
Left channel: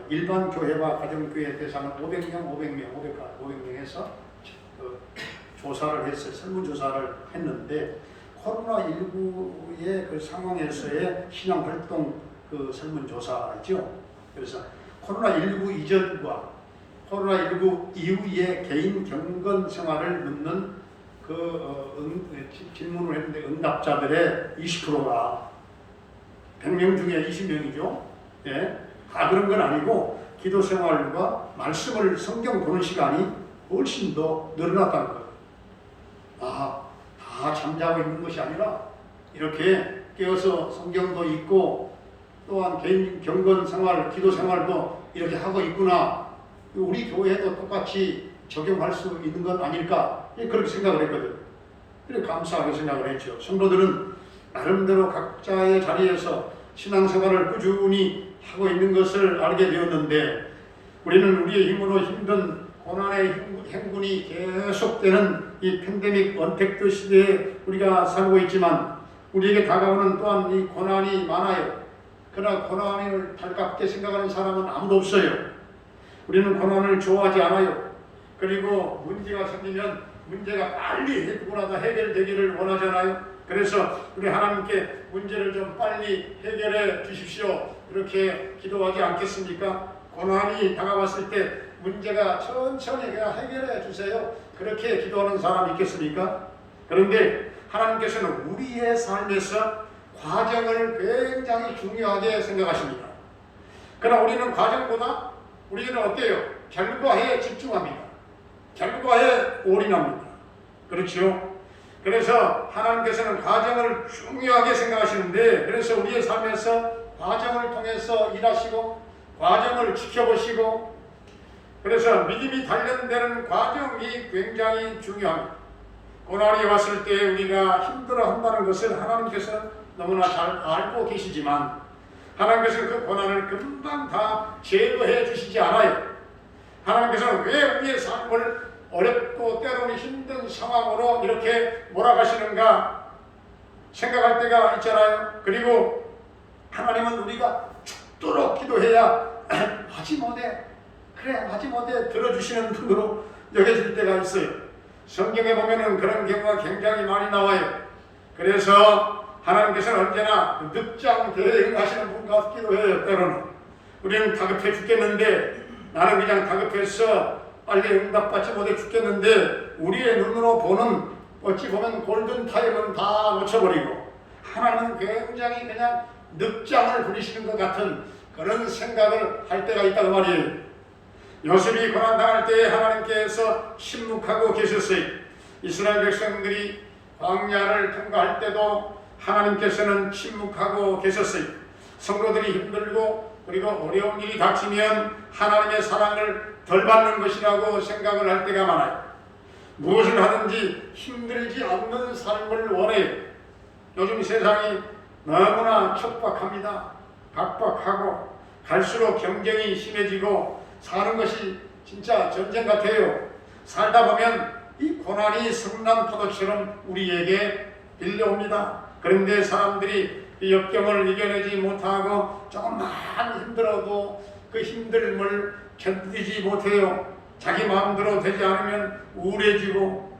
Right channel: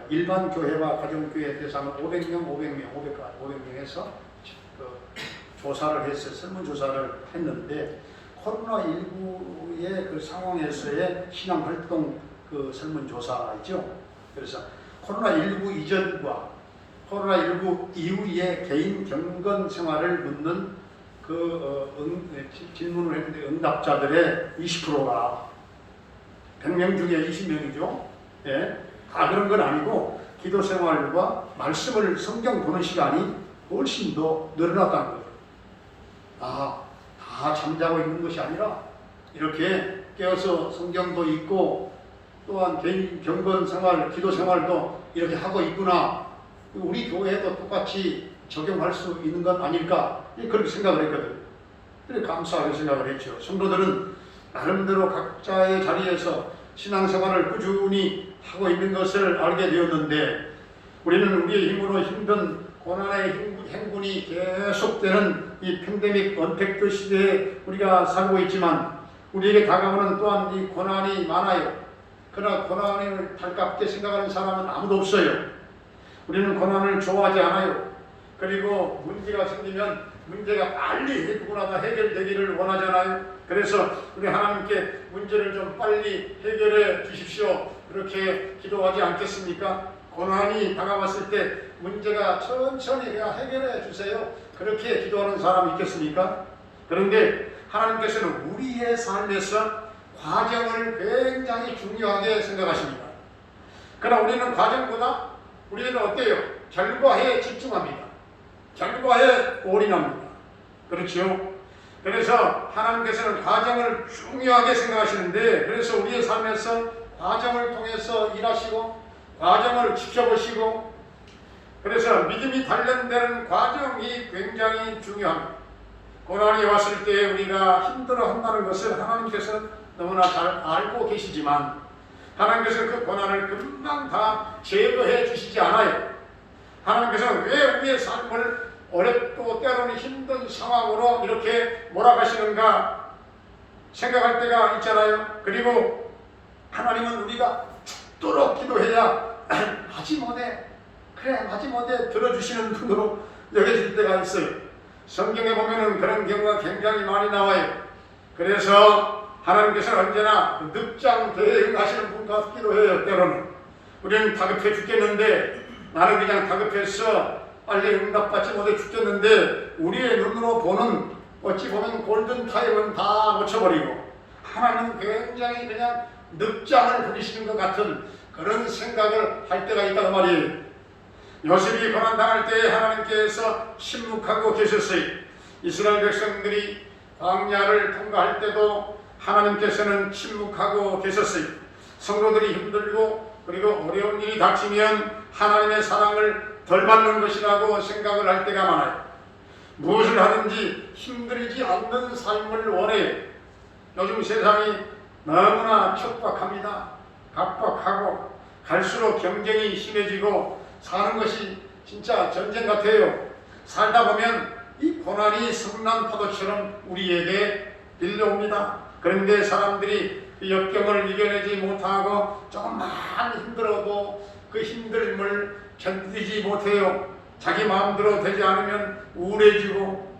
일반 교회와 가정교회 대상을 500명에서 조사를 했어요. 설문조사를 했는데 코로나19의 그 상황에서의 신앙활동 그 설문조사이죠. 그래서 코로나19 이전과 코로나19 이후의 개인 경건 생활을 묻는 질문을 했는데 응답자들의 20%가 100명 중에 20명이죠. 예, 다 그런 건 아니고 기도 생활과 말씀을 성경 보는 시간이 훨씬 더 늘어났다는 거예요. 다 잠자고 있는 것이 아니라 이렇게 깨어서 성경도 읽고 또한 개인 경건 생활, 기도 생활도 이렇게 하고 있구나. 우리 교회도 똑같이 적용할 수 있는 건 아닐까? 그렇게 생각을 했거든. 그래 감사하게 생각을 했죠. 성도들은 나름대로 각자의 자리에서 신앙생활을 꾸준히 하고 있는 것을 알게 되었는데 우리는 우리의 힘으로 힘든 고난의 행군이 계속되는 이 팬데믹 언택트 시대에 우리가 살고 있지만 우리에게 다가오는 또한 이 고난이 많아요. 그러나 고난을 달갑게 생각하는 사람은 아무도 없어요. 우리는 고난을 좋아하지 않아요. 그리고 문제가 생기면 문제가 빨리 누구나 다 해결되기를 원하잖아요. 그래서 우리 하나님께 문제를 좀 빨리 해결해 주십시오. 그렇게 기도하지 않겠습니까? 고난이 다가왔을 때 문제가 천천히 그냥 해결해 주세요. 그렇게 기도하는 사람이 있겠습니까? 그런데 하나님께서는 우리의 삶에서 과정을 굉장히 중요하게 생각하십니다. 그러나 우리는 과정보다 우리는 어때요? 결과에 집중합니다. 결과에 올인합니다. 그렇죠? 그래서 하나님께서는 과정을 중요하게 생각하시는데, 그래서 우리의 삶에서 과정을 통해서 일하시고 과정을 지켜보시고, 그래서 믿음이 단련되는 과정이 굉장히 중요합니다. 고난이 왔을 때 우리가 힘들어한다는 것을 하나님께서 너무나 잘 알고 계시지만, 하나님께서는 그 고난을 금방 다 제거해 주시지 않아요. 하나님께서는 왜 우리의 삶을 어렵고 때로는 힘든 상황으로 이렇게 몰아가시는가 생각할 때가 있잖아요. 그리고 하나님은 우리가 죽도록 기도해야 마지못해 들어주시는 분으로 여겨질 때가 있어요. 성경에 보면은 그런 경우가 굉장히 많이 나와요. 그래서 하나님께서는 언제나 늑장 대응하시는 분 같기도 해요. 때로는 우리는 다급해 죽겠는데, 나는 그냥 다급해서 빨리 응답받지 못해 죽겠는데, 우리의 눈으로 보는 어찌 보면 골든타임은 다 놓쳐버리고 하나님은 굉장히 그냥 늑장을 부리시는 것 같은 그런 생각을 할 때가 있다고 말이에요. 요셉이 고난당할 때 하나님께서 침묵하고 계셨어요. 이스라엘 백성들이 광야를 통과할 때도 하나님께서는 침묵하고 계셨어요. 성도들이 힘들고 그리고 어려운 일이 닥치면 하나님의 사랑을 덜 받는 것이라고 생각을 할 때가 많아요. 무엇을 하든지 힘들지 않는 삶을 원해요. 요즘 세상이 너무나 척박합니다. 각박하고 갈수록 경쟁이 심해지고 사는 것이 진짜 전쟁 같아요. 살다 보면 이 고난이 성난 파도처럼 우리에게 밀려옵니다. 그런데 사람들이 그 역경을 이겨내지 못하고 조금만 힘들어도 그 힘듦을 견디지 못해요. 자기 마음대로 되지 않으면 우울해지고,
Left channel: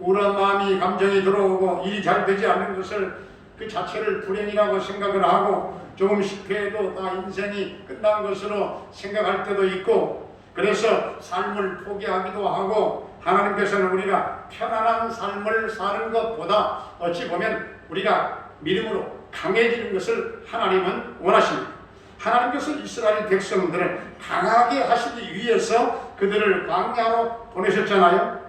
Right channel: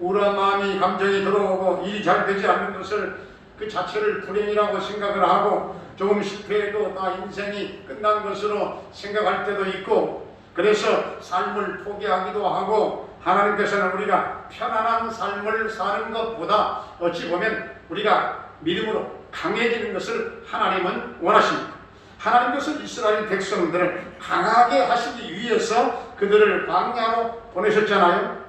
우울한 마음이 감정이 들어오고, 일이 잘 되지 않는 것을 그 자체를 불행이라고 생각을 하고, 조금 실패해도 다 인생이 끝난 것으로 생각할 때도 있고, 그래서 삶을 포기하기도 하고, 하나님께서는 우리가 편안한 삶을 사는 것보다 어찌 보면 우리가 믿음으로 강해지는 것을 하나님은 원하십니다. 하나님께서 이스라엘 백성들을 강하게 하시기 위해서 그들을 광야로 보내셨잖아요.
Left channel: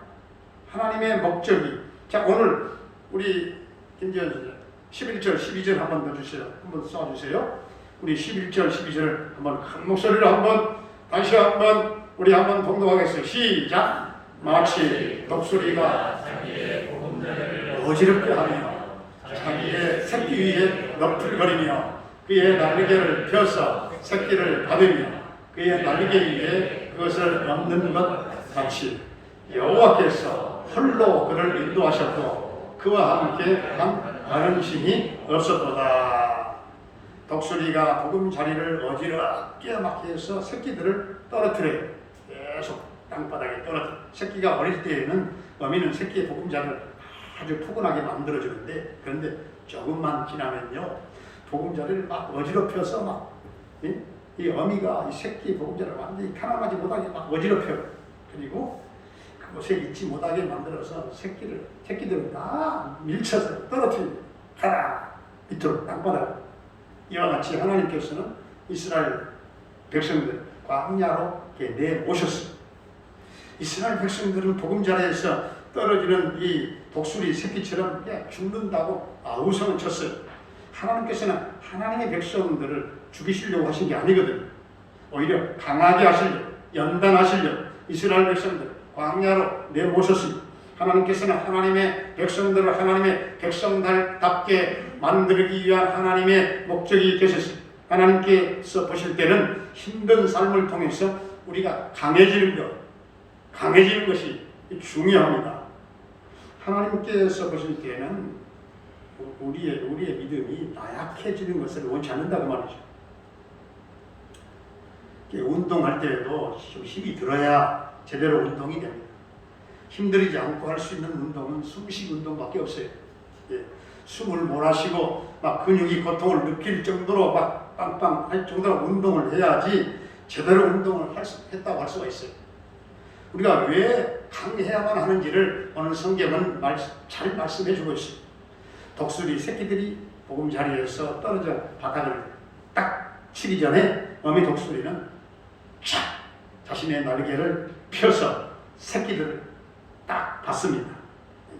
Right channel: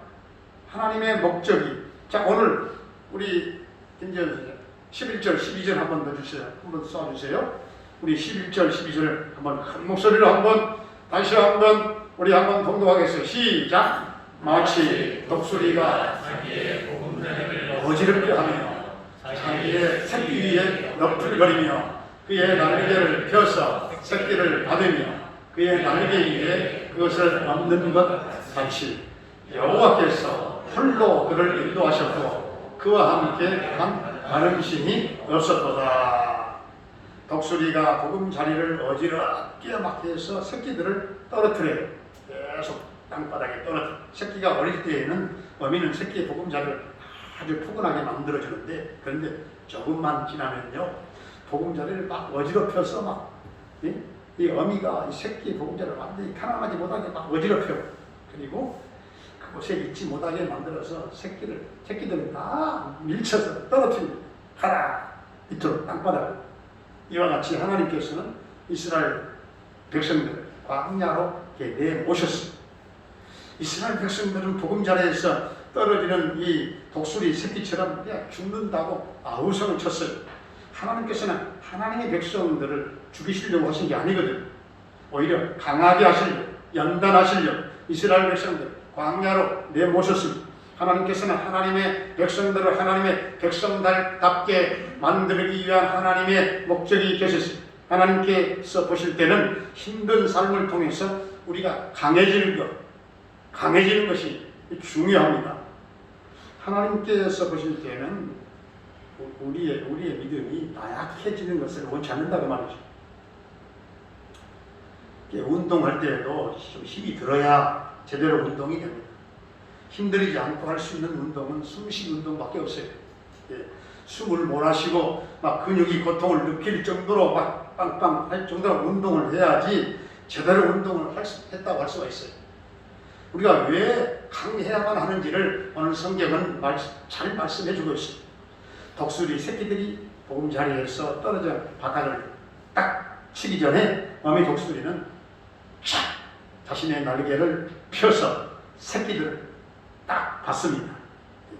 하나님의 목적이. 자, 오늘 우리 김지현 11절 12절 한번 더 주세요. 한번 쏴주세요. 우리 11절 12절 한번 큰 목소리로 한번 다시 한번 우리 한번 동동하겠어요. 시작. 마치 독수리가 어지럽게 하며 자기의 새끼 위에 너풀거리며 그의 날개를 펴서 새끼를 받으며 그의 날개 위에 그것을 얹는 것 같이 여호와께서 홀로 그를 인도하셨고 그와 함께 다른 신이 없었도다. 독수리가 보금자리를 어지럽게 막 해서 새끼들을 떨어뜨려요. 계속 땅바닥에 떨어뜨려. 새끼가 어릴 때에는 어미는 새끼의 보금자리를 아주 푸근하게 만들어주는데, 그런데 조금만 지나면요 보금자리를 막 어지럽혀서 막 이 어미가 이 새끼의 보금자리를 완전히 가난하지 못하게 막 어지럽혀요. 그리고 그곳에 있지 못하게 만들어서 새끼들은 다 밀쳐서 떨어뜨립니다. 가라 밑으로 땅바닥으로. 이와 같이 하나님께서는 이스라엘 백성들 광야로 내모셨습니다. 이스라엘 백성들은 보금자리에서 떨어지는 이 독수리 새끼처럼 그냥 죽는다고 아우성을 쳤어요. 하나님께서는 하나님의 백성들을 죽이시려고 하신 게 아니거든요. 오히려 강하게 하시려고, 연단하시려고 이스라엘 백성들 광야로 내모셨습니다. 하나님께서는 하나님의 백성들을 하나님의 백성답게 만들기 위한 하나님의 목적이 계셨습니다. 하나님께서 보실 때는 힘든 삶을 통해서 우리가 강해지는 것이 중요합니다. 하나님께서 보실 때는 우리의 믿음이 나약해지는 것을 원치 않는다고 말이죠. 운동할 때에도 좀 힘이 들어야 제대로 운동이 됩니다. 힘들이지 않고 할 수 있는 운동은 숨쉬기 운동밖에 없어요. 숨을 몰아쉬고 막 근육이 고통을 느낄 정도로 막 빵빵 할 정도로 운동을 해야지 제대로 운동을 했다고 할 수가 있어요. 우리가 왜 강해야만 하는지를 오늘 성경은 잘 말씀해 주고 있습니다. 독수리 새끼들이 보금자리에서 떨어져 바닥을 딱 치기 전에 어미 독수리는 촥 자신의 날개를 펴서 새끼들을 딱 봤습니다.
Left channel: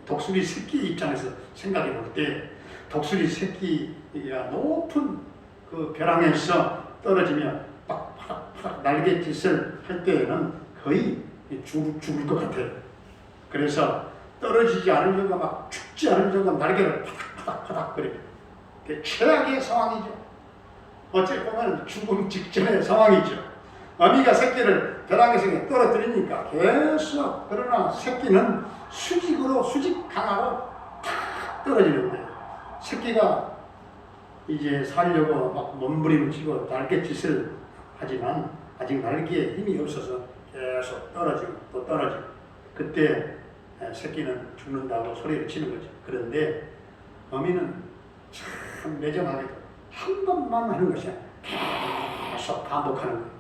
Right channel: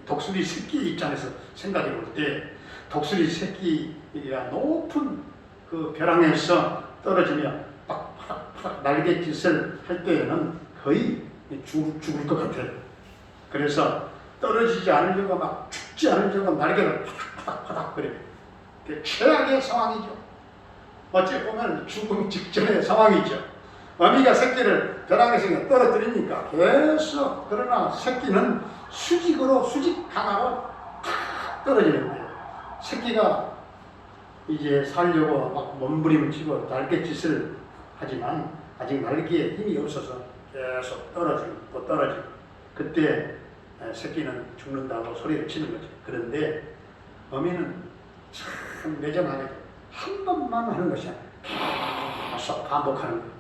독수리 새끼 입장에서 생각해 볼 때 독수리 새끼가 높은 그 벼랑에서 떨어지며 팍팍팍 날갯짓을 할 때에는 거의 죽을 것 같아요. 그래서 떨어지지 않으려고 막 죽지 않으려고 날개를 파닥파닥 거려요. 그게 최악의 상황이죠. 어찌 보면 죽음 직전의 상황이죠. 어미가 새끼를 벼랑에서 떨어뜨리니까 계속, 그러나 새끼는 수직 강하로 탁 떨어지는 거예요. 새끼가 이제 살려고 막 몸부림을 치고 날갯짓을 하지만 아직 날개에 힘이 없어서 계속 떨어지고 또 떨어지고, 그때 새끼는 죽는다고 소리를 치는 거죠. 그런데 어미는 참 매정하게 한 번만 하는 것이 아니라 계속 반복하는 거예요.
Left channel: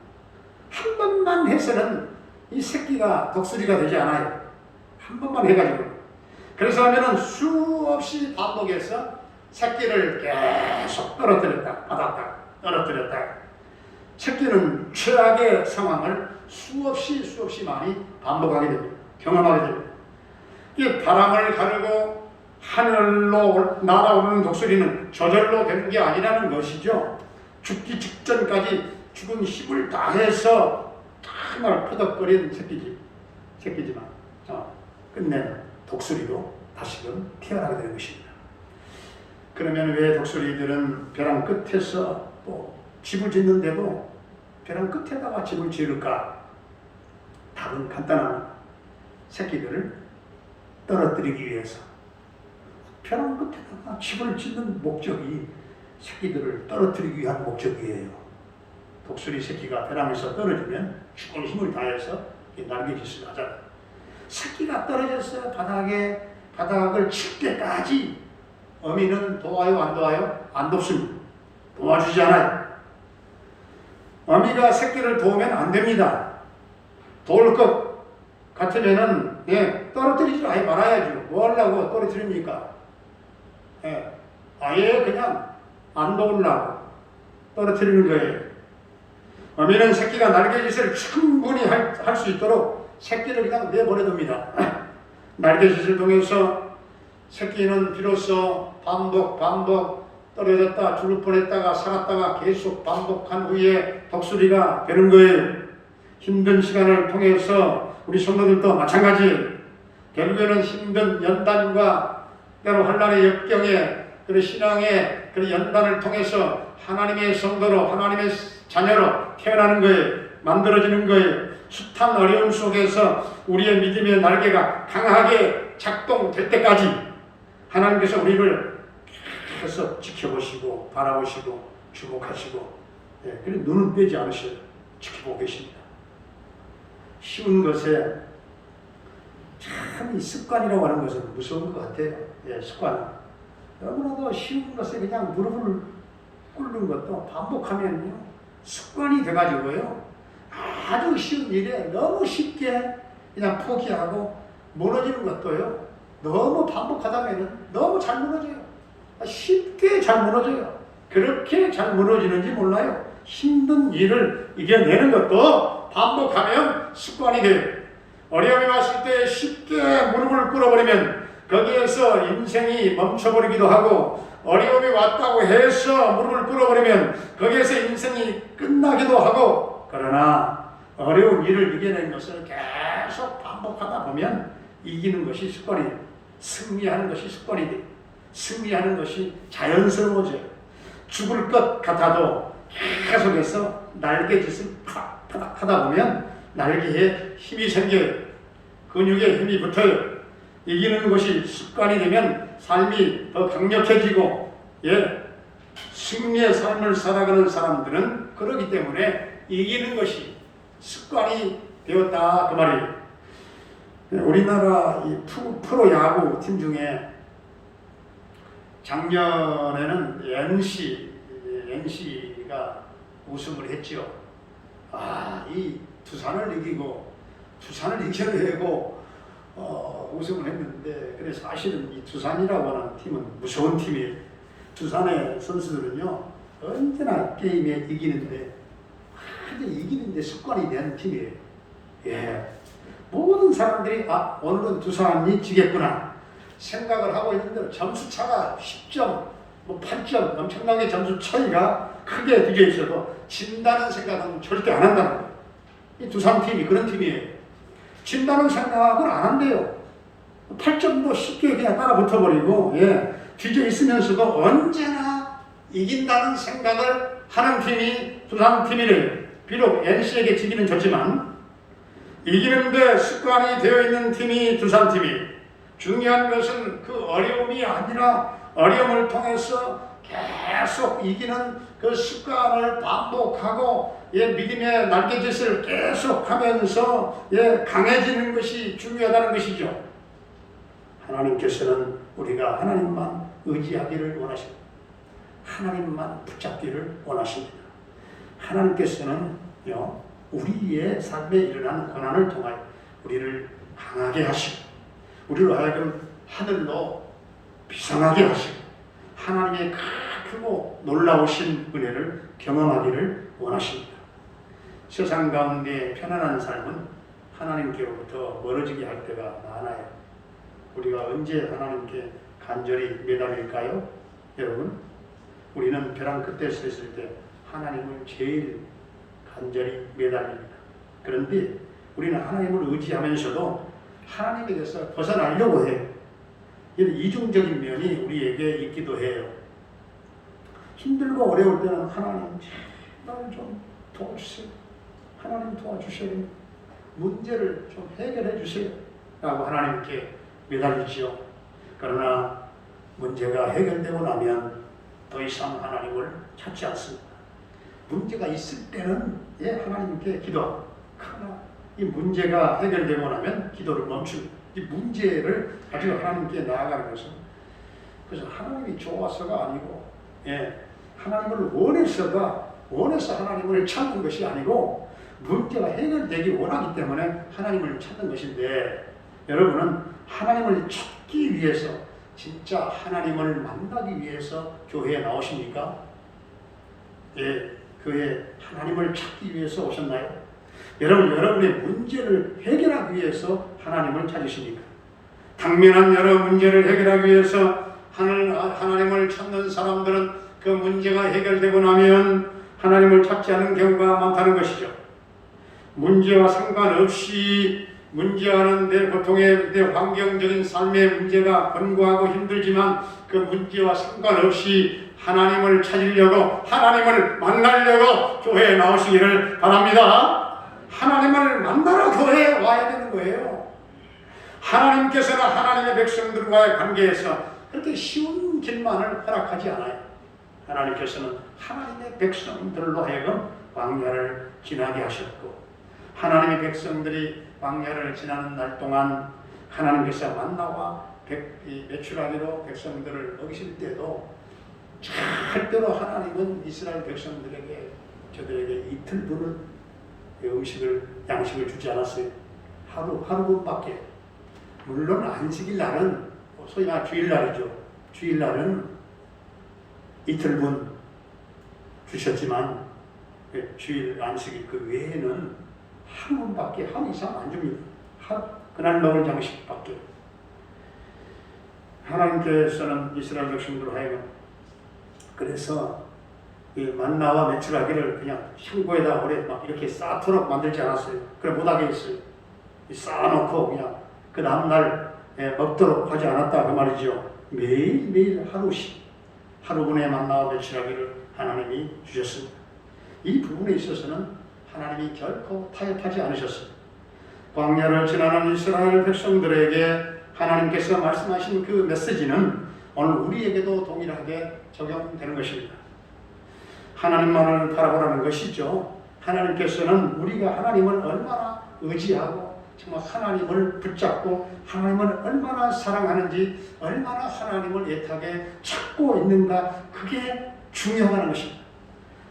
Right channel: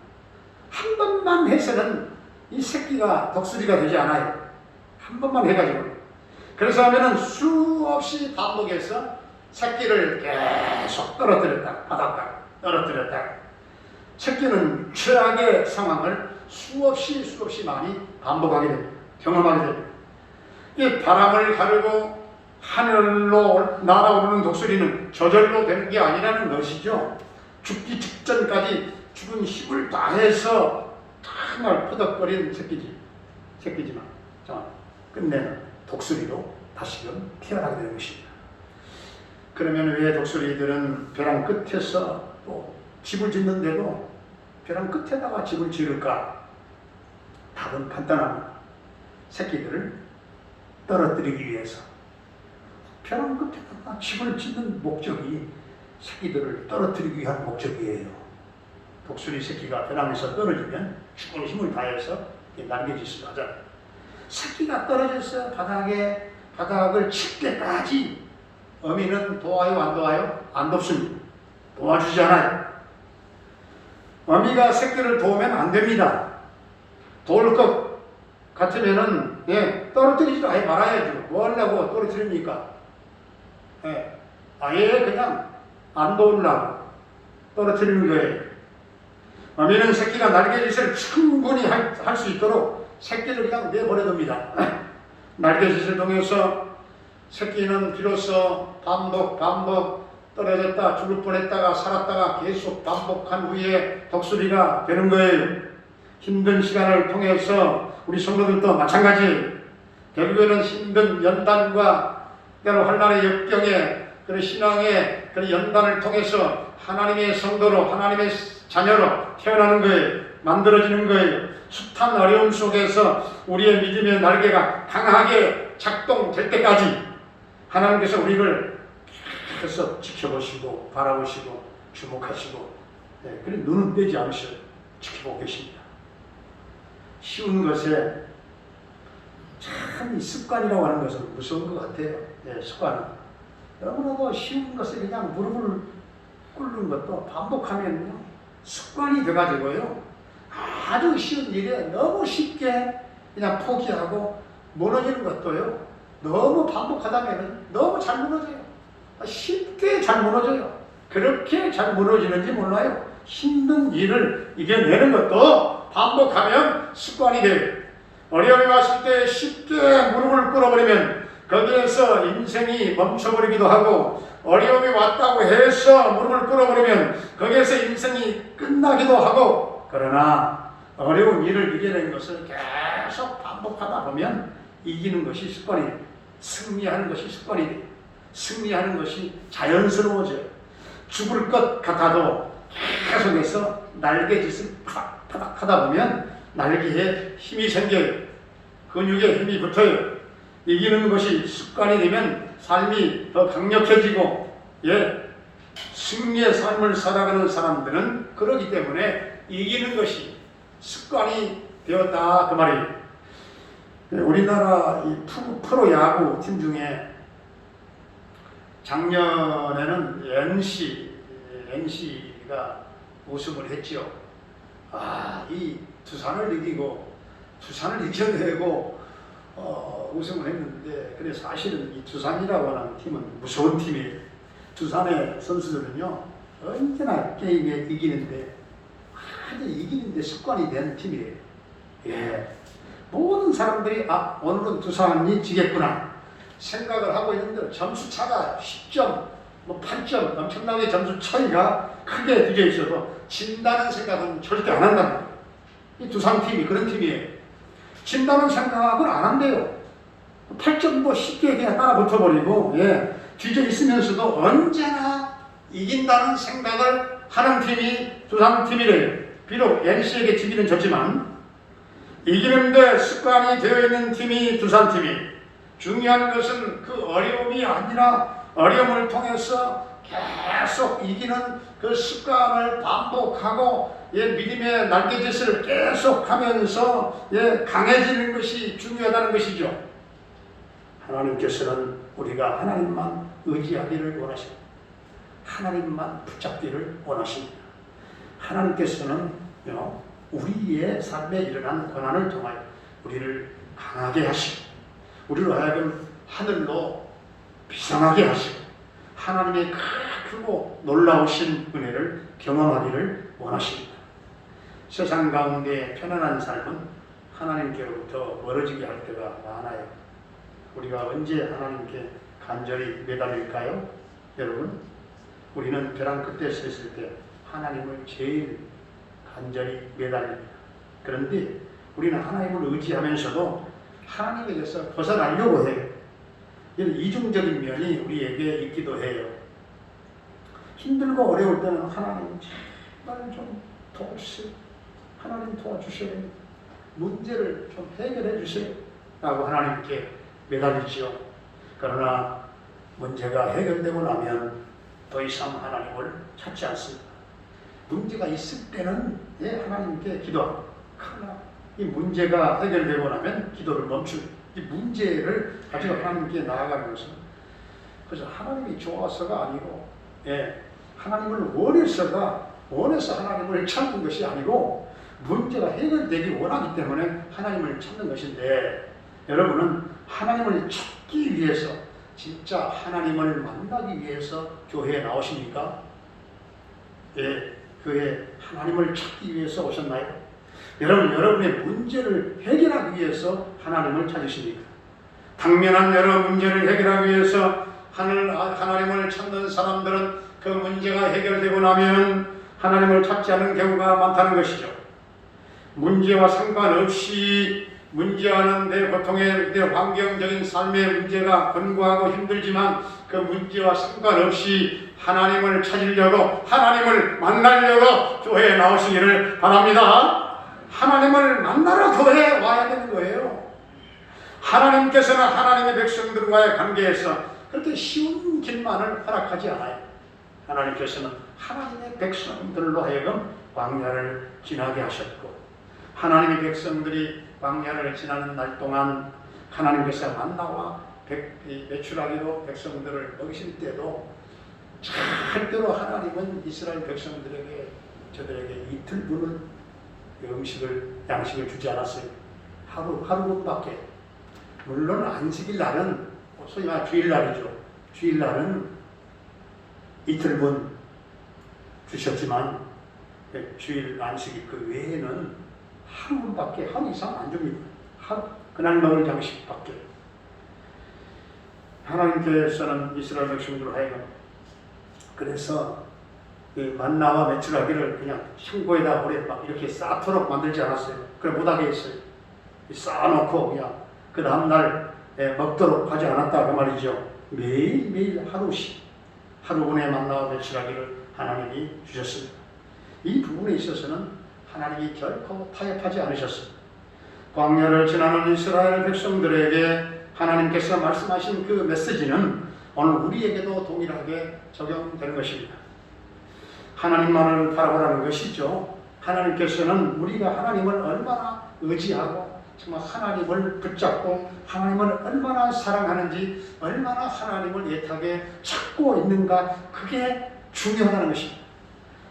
한 번만 해서는 이 새끼가 독수리가 되지 않아요. 한 번만 해가지고. 그래서 하면은 수없이 반복해서 새끼를 계속 떨어뜨렸다 받았다 떨어뜨렸다. 새끼는 최악의 상황을 수없이 많이 반복하게 됩니다. 경험하게 됩니다. 이 바람을 가르고 하늘로 날아오르는 독수리는 저절로 되는 게 아니라는 것이죠. 죽기 직전까지 죽은 힘을 다해서 정말 퍼덕거리는 새끼지만 끝내 독수리도 다시금 태어나게 되는 것입니다. 그러면 왜 독수리들은 벼랑 끝에서 또 집을 짓는데도 벼랑 끝에다가 집을 지을까? 답은 간단합니다. 새끼들을 떨어뜨리기 위해서. 벼랑 끝에다가 집을 짓는 목적이 새끼들을 떨어뜨리기 위한 목적이에요. 독수리 새끼가 벼랑에서 떨어지면 죽은 힘을 다해서 날개짓을 하잖아요. 새끼가 떨어져서 바닥을 칠 때까지 어미는 도와요, 안 도와요? 안 돕습니다. 도와주지 않아요. 어미가 새끼를 도우면 안 됩니다. 도울 것 같으면은 떨어뜨리지 아예 말아야죠. 뭐 하려고 떨어뜨립니까? 아예 그냥 안 도우려고 떨어뜨리는 거예요. 어미는 새끼가 날개짓을 충분히 할 수 있도록 새끼를 그냥 내버려둡니다. 날개짓을 통해서 새끼는 비로소 반복 떨어졌다 죽을 뻔했다가 살았다가 계속 반복한 후에 독수리가 되는 거예요. 힘든 시간을 통해서 우리 성도들도 마찬가지예요. 결국에는 힘든 연단과 때로 환난의 역경에 그리고 신앙의 그 연단을 통해서 하나님의 성도로 하나님의 자녀로 태어나는 거예요. 만들어지는 거예요. 숱한 어려움 속에서 우리의 믿음의 날개가 강하게 작동될 때까지 하나님께서 우리를 계속 지켜보시고 바라보시고 주목하시고 그런 눈은 떼지 않으셔 지켜보고 계십니다. 쉬운 것에 참 이 습관이라고 하는 것은 무서운 것 같아요. 습관. 너무나도 쉬운 것에 그냥 무릎을 꿇는 것도 반복하면요 습관이 돼가지고요 아주 쉬운 일에 너무 쉽게 그냥 포기하고 무너지는 것도요 너무 반복하다면 너무 잘 무너져요. 쉽게 잘 무너져요. 그렇게 잘 무너지는지 몰라요. 힘든 일을 이겨내는 것도 반복하면 습관이 돼요. 어려움이 왔을 때 쉽게 무릎을 꿇어버리면 거기에서 인생이 멈춰버리기도 하고, 어려움이 왔다고 해서 무릎을 꿇어버리면 거기에서 인생이 끝나기도 하고, 그러나 어려운 일을 이겨내는 것을 계속 반복하다 보면 이기는 것이 습관이에요. 승리하는 것이 습관이 돼요. 승리하는 것이 자연스러워져요. 죽을 것 같아도 계속해서 날개짓을 파닥파닥 하다 보면 날개에 힘이 생겨요. 근육에 힘이 붙어요. 이기는 것이 습관이 되면 삶이 더 강력해지고, 승리의 삶을 살아가는 사람들은 그러기 때문에 이기는 것이 습관이 되었다 그 말이에요. 우리나라 이 프로야구 팀 중에 작년에는 NC가 우승을 했죠. 이 두산을 이기고 두산을 이겨내고 우승을 했는데, 그래서 사실은 이 두산이라고 하는 팀은 무서운 팀이에요. 두산의 선수들은요 언제나 게임에 이기는데 완전히 이기는데 습관이 된 팀이에요. 예, 모든 사람들이 오늘은 두산이 지겠구나 생각을 하고 있는데 점수 차가 10점, 뭐 8점 엄청나게 점수 차이가 크게 뒤져 있어도 진다는 생각은 절대 안 한다는 거예요. 이 두산 팀이 그런 팀이에요. 진다는 생각은 안 한대요. 8점도 쉽게 그냥 따라 붙어버리고, 예, 뒤져 있으면서도 언제나 이긴다는 생각을 하는 팀이 두산 팀이래요. 비록 NC에게 지기는 졌지만 이기는데 습관이 되어 있는 팀이 두산 팀이. 중요한 것은 그 어려움이 아니라 어려움을 통해서 계속 이기는 그 습관을 반복하고, 예, 믿음의 날개짓을 계속하면서, 예, 강해지는 것이 중요하다는 것이죠. 하나님께서는 우리가 하나님만 의지하기를 원하십니다. 하나님만 붙잡기를 원하십니다. 하나님께서는요, 우리의 삶에 일어난 고난을 통하여 우리를 강하게 하시고, 우리를 하여금 하늘로 비상하게 하시고, 하나님의 크고 놀라우신 은혜를 경험하기를 원하십니다. 세상 가운데 편안한 삶은 하나님께로부터 멀어지게 할 때가 많아요. 우리가 언제 하나님께 간절히 매달릴까요? 여러분, 우리는 벼랑 끝에 서 있을 때 하나님을 제일 간절히 매달립니다. 그런데 우리는 하나님을 의지하면서도 하나님에게서 벗어나려고 해요. 이런 이중적인 면이 우리에게 있기도 해요. 힘들고 어려울 때는 하나님 제발 좀 도와주세요. 하나님 도와주세요. 문제를 좀 해결해 주세요. 라고 하나님께 매달리지요. 그러나 문제가 해결되고 나면 더 이상 하나님을 찾지 않습니다. 문제가 있을 때는, 예, 하나님께 기도하고, 그러나 이 문제가 해결되고 나면 기도를 멈추고, 이 문제를 가지고 하나님께 나아가는 것은, 그래서 하나님이 좋아서가 아니고, 예, 하나님을 원해서 하나님을 찾는 것이 아니고 문제가 해결되기 원하기 때문에 하나님을 찾는 것인데, 여러분은 하나님을 찾기 위해서, 진짜 하나님을 만나기 위해서 교회에 나오십니까? 예, 교회에 하나님을 찾기 위해서 오셨나요? 여러분의 문제를 해결하기 위해서 하나님을 찾으십니까? 당면한 여러 문제를 해결하기 위해서 하나님을 찾는 사람들은 그 문제가 해결되고 나면 하나님을 찾지 않는 경우가 많다는 것이죠. 문제와 상관없이, 문제와는 내 고통의, 내 환경적인 삶의 문제가 권고하고 힘들지만 그 문제와 상관없이 하나님을 찾으려고, 하나님을 만나려고 교회에 나오시기를 바랍니다. 하나님을 만나러 교회에 와야 되는 거예요. 하나님께서는 하나님의 백성들과의 관계에서 그렇게 쉬운 길만을 허락하지 않아요. 하나님께서는 하나님의 백성들로 하여금 광야를 지나게 하셨고, 하나님의 백성들이 광야를 지나는 날 동안 하나님께서 만나와 메추라기로 백성들을 먹이실 때도 절대로 하나님은 이스라엘 백성들에게, 저들에게 이틀분을 양식을 주지 않았어요. 하루분밖에. 물론 안식일 날은, 소위 말해 주일날이죠. 주일날은 이틀분 주셨지만 주일 안식일 그 외에는 한 번밖에, 한 이상 안 줍니다. 그날 먹을 양식밖에. 하나님께서는 이스라엘 백성들로 하여금 그래서 이 만나와 메추라기를 그냥 창고에다 오래 막 이렇게 쌓도록 만들지 않았어요. 그래 못하게 했어요. 쌓아놓고 그냥 그 다음날 먹도록 하지 않았다 그 말이죠. 매일매일 하루씩, 하루분의 만나와 메추라기를 하나님이 주셨습니다. 이 부분에 있어서는 하나님이 결코 타협하지 않으셨습니다. 광야를 지나는 이스라엘 백성들에게 하나님께서 말씀하신 그 메시지는 오늘 우리에게도 동일하게 적용되는 것입니다. 하나님만을 바라보라는 것이죠. 하나님께서는 우리가 하나님을 얼마나 의지하고 정말 하나님을 붙잡고 하나님을 얼마나 사랑하는지, 얼마나 하나님을 애타게 찾고 있는가, 그게 중요하다는 것입니다.